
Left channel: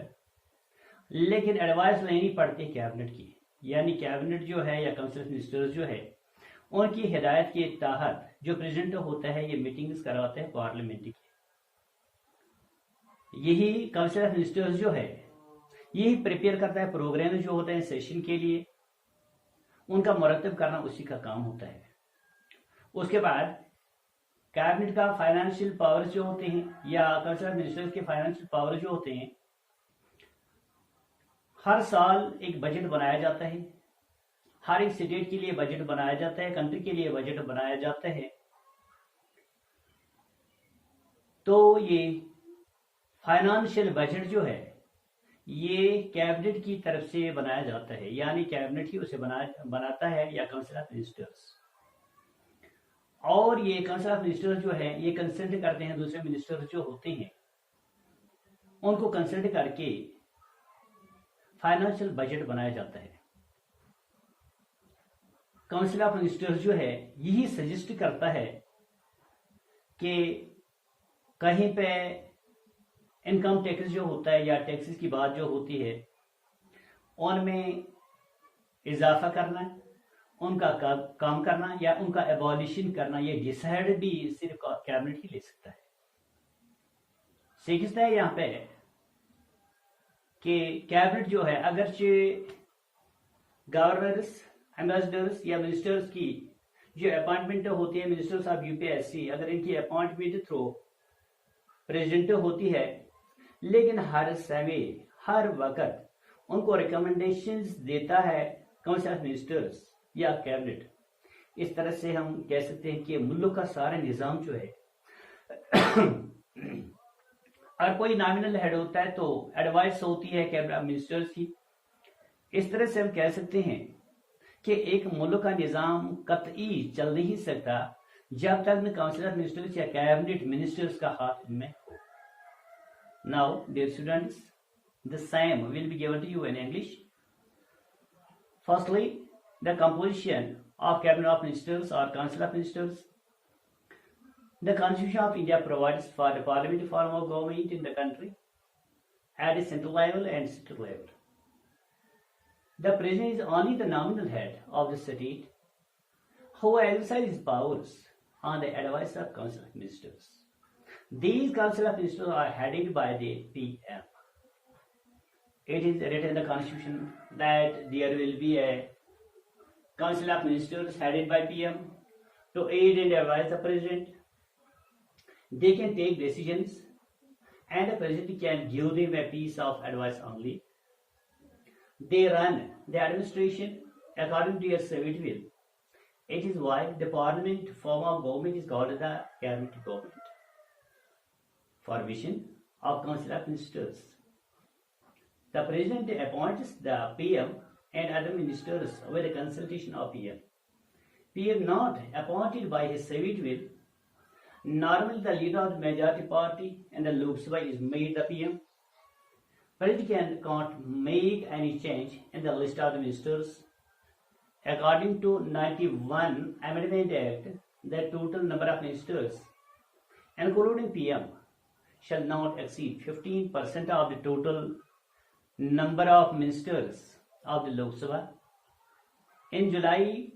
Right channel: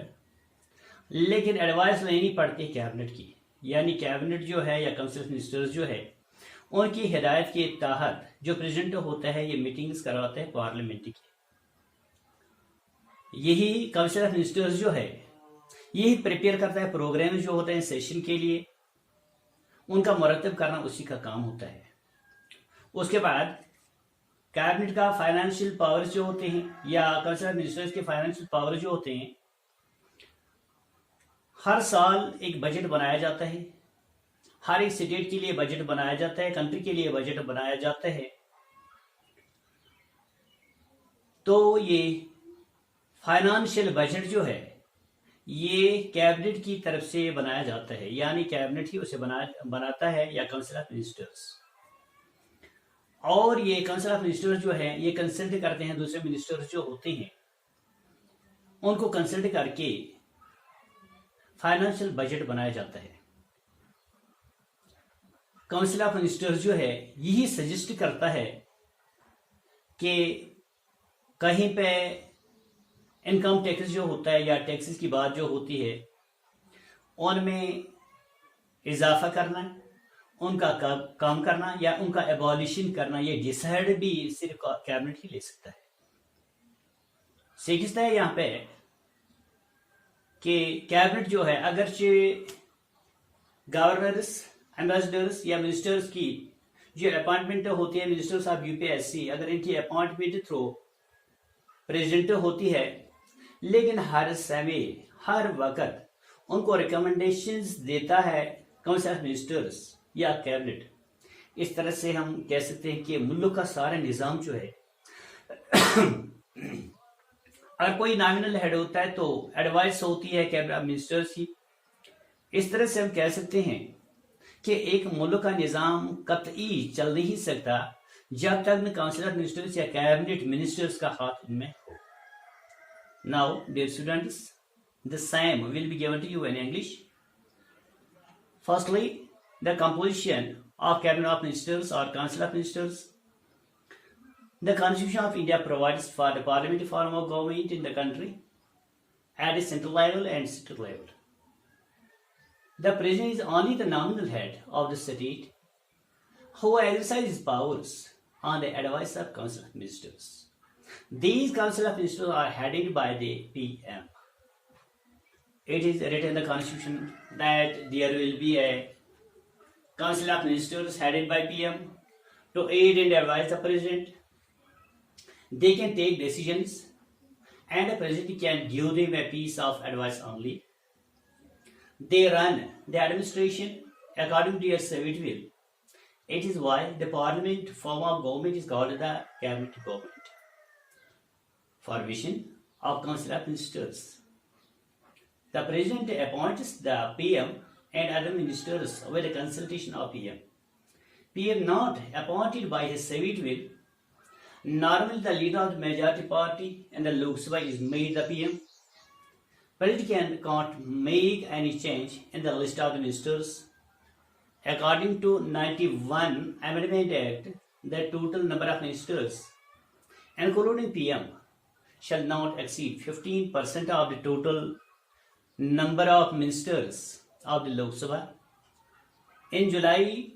लेकिन एडवाइस लेनी पड़ती है कैबिनेट की। यानी कैबिनेट जो है या काउंसिल ऑफ मिनिस्टर्स जो है उनकी हिदायत के तहत जो प्रेसिडेंट होता है ये मीटिंग्स करवाते हैं पार्लियामेंट की। यही काउंसिल ऑफ मिनिस्टर्स जो है यही प्रिपेयर करता है प्रोग्राम जो होते हैं सेशन के लिए, उनका मरतब करना उसी का काम होता है। उसके बाद कैबिनेट का फाइनेंशियल पावर्स जो होते हैं या काउंसिल ऑफ मिनिस्टर्स के फाइनेंशियल पावर जो होते हैं, हर साल एक बजट बनाया जाता है, हर एक स्टेट के लिए बजट बनाया जाता है, कंट्री के लिए बजट बनाया जाता है। तो ये फाइनेंशियल बजट जो है ये कैबिनेट की तरफ से बनाया जाता है, यानी कैबिनेट ही उसे बनाता है या काउंसिल ऑफ मिनिस्टर्स। और ये काउंसिल ऑफ मिनिस्टर्स जो है ये कंसल्ट करते हैं दूसरे मिनिस्टर्स जो होते हैं, उनको कंसल्ट करके फाइनेंशियल बजट बनाया जाता है। काउंसिल ऑफ मिनिस्टर्स जो है यही सजेस्ट करता है कि कहीं पे इनकम टैक्स जो होता है या टैक्सेस की बात जो होती है उनमें इजाफा करना, उनका काम करना या उनका एबॉलिशन करना, ये डिसाइड भी सिर्फ कैबिनेट ही ले सकता है। सीखता है यहाँ पे कि कैबिनेट जो है अगरचे गवर्नर्स, एम्बेसडर्स या मिनिस्टर्स की जो अपॉइंटमेंट होती है, मिनिस्टर्स ऑफ यूपीएससी, अगर इनकी अपॉइंटमेंट थ्रू प्रेसिडेंट होती है, लेकिन हर समय हर वक्त उनको रिकमेंडेशंस देता है काउंसिल ऑफ मिनिस्टर्स या कैबिनेट। इस तरह से हम कह सकते हैं कि मुल्क का सारा निज़ाम जो है अगर कोई नॉमिनल हेड होता है तो एडवाइस होती है कैबिनेट ऑफ मिनिस्टर्स की। इस तरह से हम कह सकते हैं कि एक मुल्क का निज़ाम कतई चल नहीं सकता जब तक काउंसिल ऑफ मिनिस्टर्स या कैबिनेट मिनिस्टर्स का हाथ इनमें हो। Now, dear students, the same will be given to you in English. Firstly, the composition of Cabinet of Ministers or Council of Ministers. The Constitution of India provides for the parliamentary form of government in the country at a central level and state level. The President is only the nominal head of the state who exercises powers on the advice of Council of Ministers. These Council of Ministers are headed by the PM. It is written in the Constitution that there will be a Council of Ministers headed by PM to aid and advise the President. They can take decisions and the President can give them a piece of advice only. They run the administration according to their civic will. It is why the Parliament form of government is called the Cabinet government. Formation of Council of Ministers. The President appoints the PM and other ministers with the consultation of PM. PM not appointed by his civic will. Normally the leader of the majority party in the Lok Sabha is made the PM. President can't make any change in the list of the ministers. According to 91 Amendment Act, the total number of ministers, including PM, shall not exceed 15% of the total number of ministers of the Lok Sabha. In July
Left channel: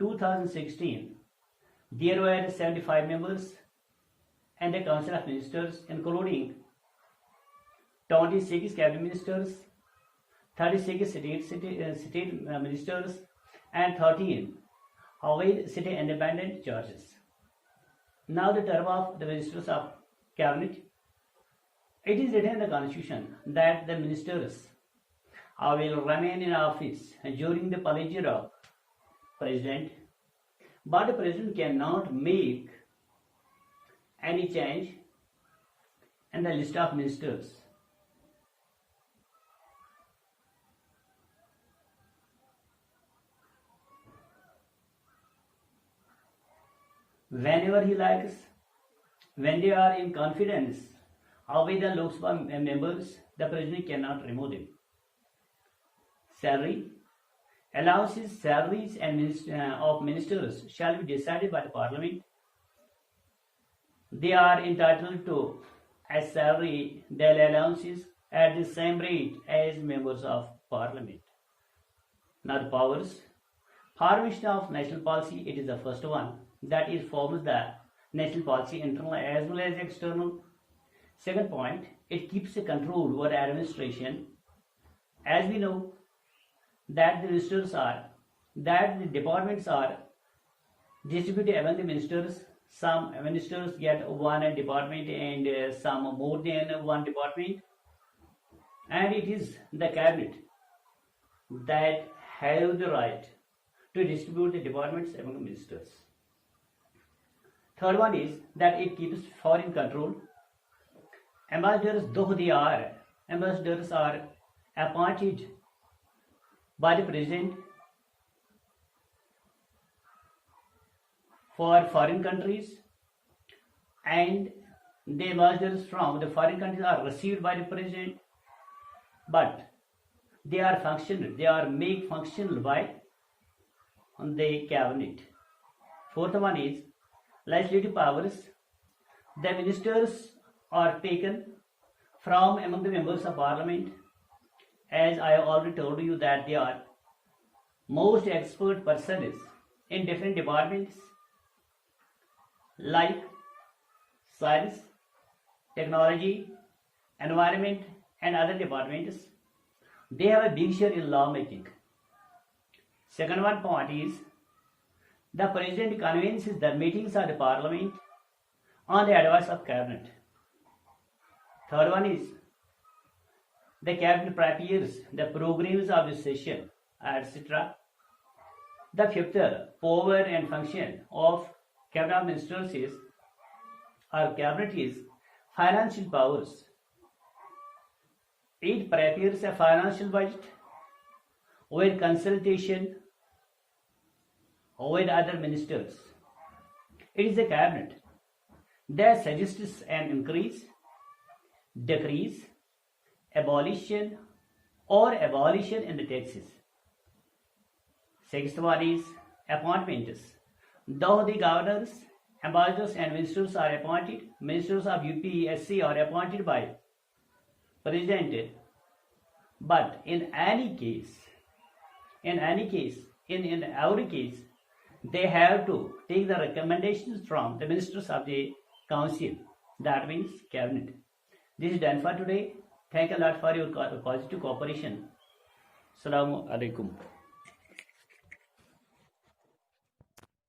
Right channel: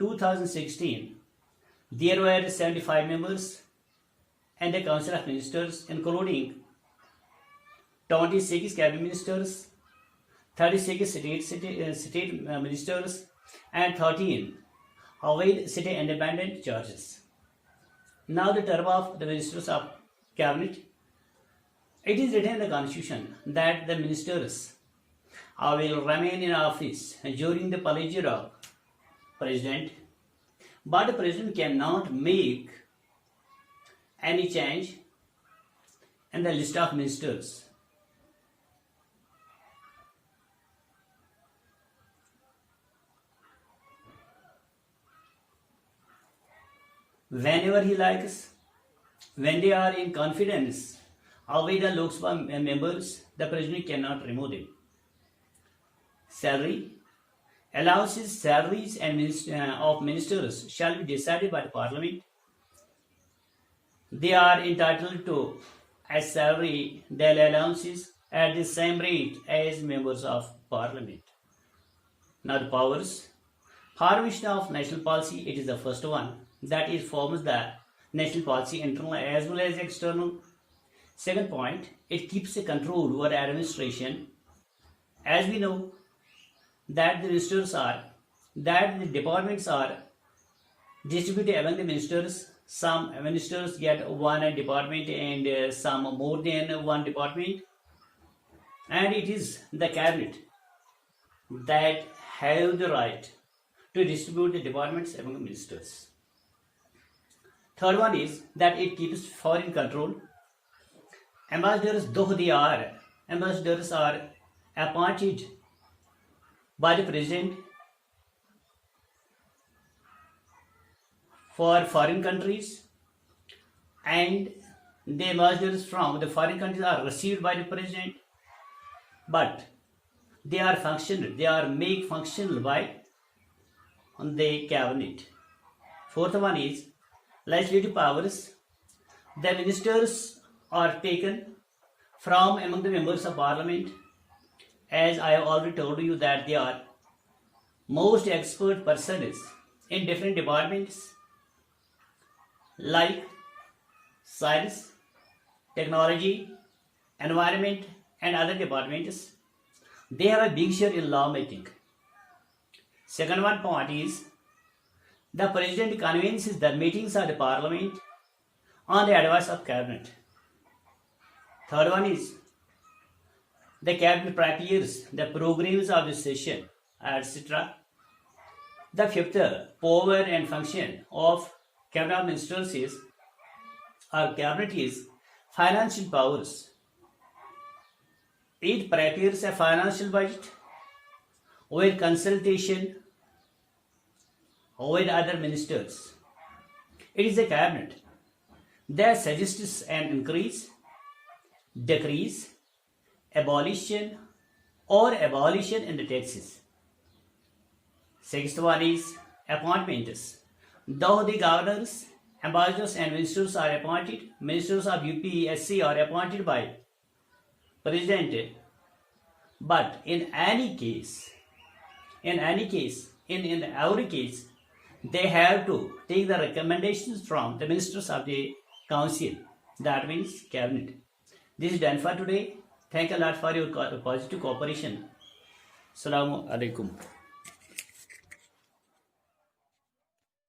2016, there were 75 members in the Council of Ministers, including 26 cabinet ministers, 36 state ministers, and 13 avoid state independent churches. Now the term of the ministers of cabinet. It is written in the constitution that the ministers will remain in office during the pleasure of president, but the president cannot make any change in the list of ministers. Whenever he likes, when they are in confidence with the Lok Sabha members, the president cannot remove them. Salary, allowances, salaries and of ministers shall be decided by the parliament. They are entitled to a salary, their allowances at the same rate as members of parliament. Now the powers. Formation of national policy, it is the first one. That is forms the national policy internal as well as external. Second point, it keeps a control over administration. As we know that the departments are distributed among the ministers. Some ministers get one department and some more than one department. And it is the cabinet that have the right to distribute the departments among the ministers. Third one is that it keeps foreign control. Ambassadors, though they are ambassadors, are appointed by the president for foreign countries, and the ambassadors from the foreign countries are received by the president, but they are made functional by the cabinet. Fourth one is legislative powers. The ministers are taken from among the members of parliament. As I already told you that they are most expert persons in different departments like science, technology, environment and other departments. They have a big share in lawmaking. Second one point is the president convenes the meetings of the parliament on the advice of cabinet. Third one is the cabinet prepares the programs of the session, etc. The fifth power and function of cabinet ministers is financial powers. It prepares a financial budget with consultation with other ministers. It is a cabinet that suggests an increase, decrease, abolition in the taxes. Sixth one is appointments. Though the governors, ambassadors and ministers are appointed, ministers of UPSC are appointed by president, but in every case, they have to take the recommendations from the ministers of the council, that means cabinet. This is done for today. Thank you a lot for your positive cooperation. Assalamu alaikum.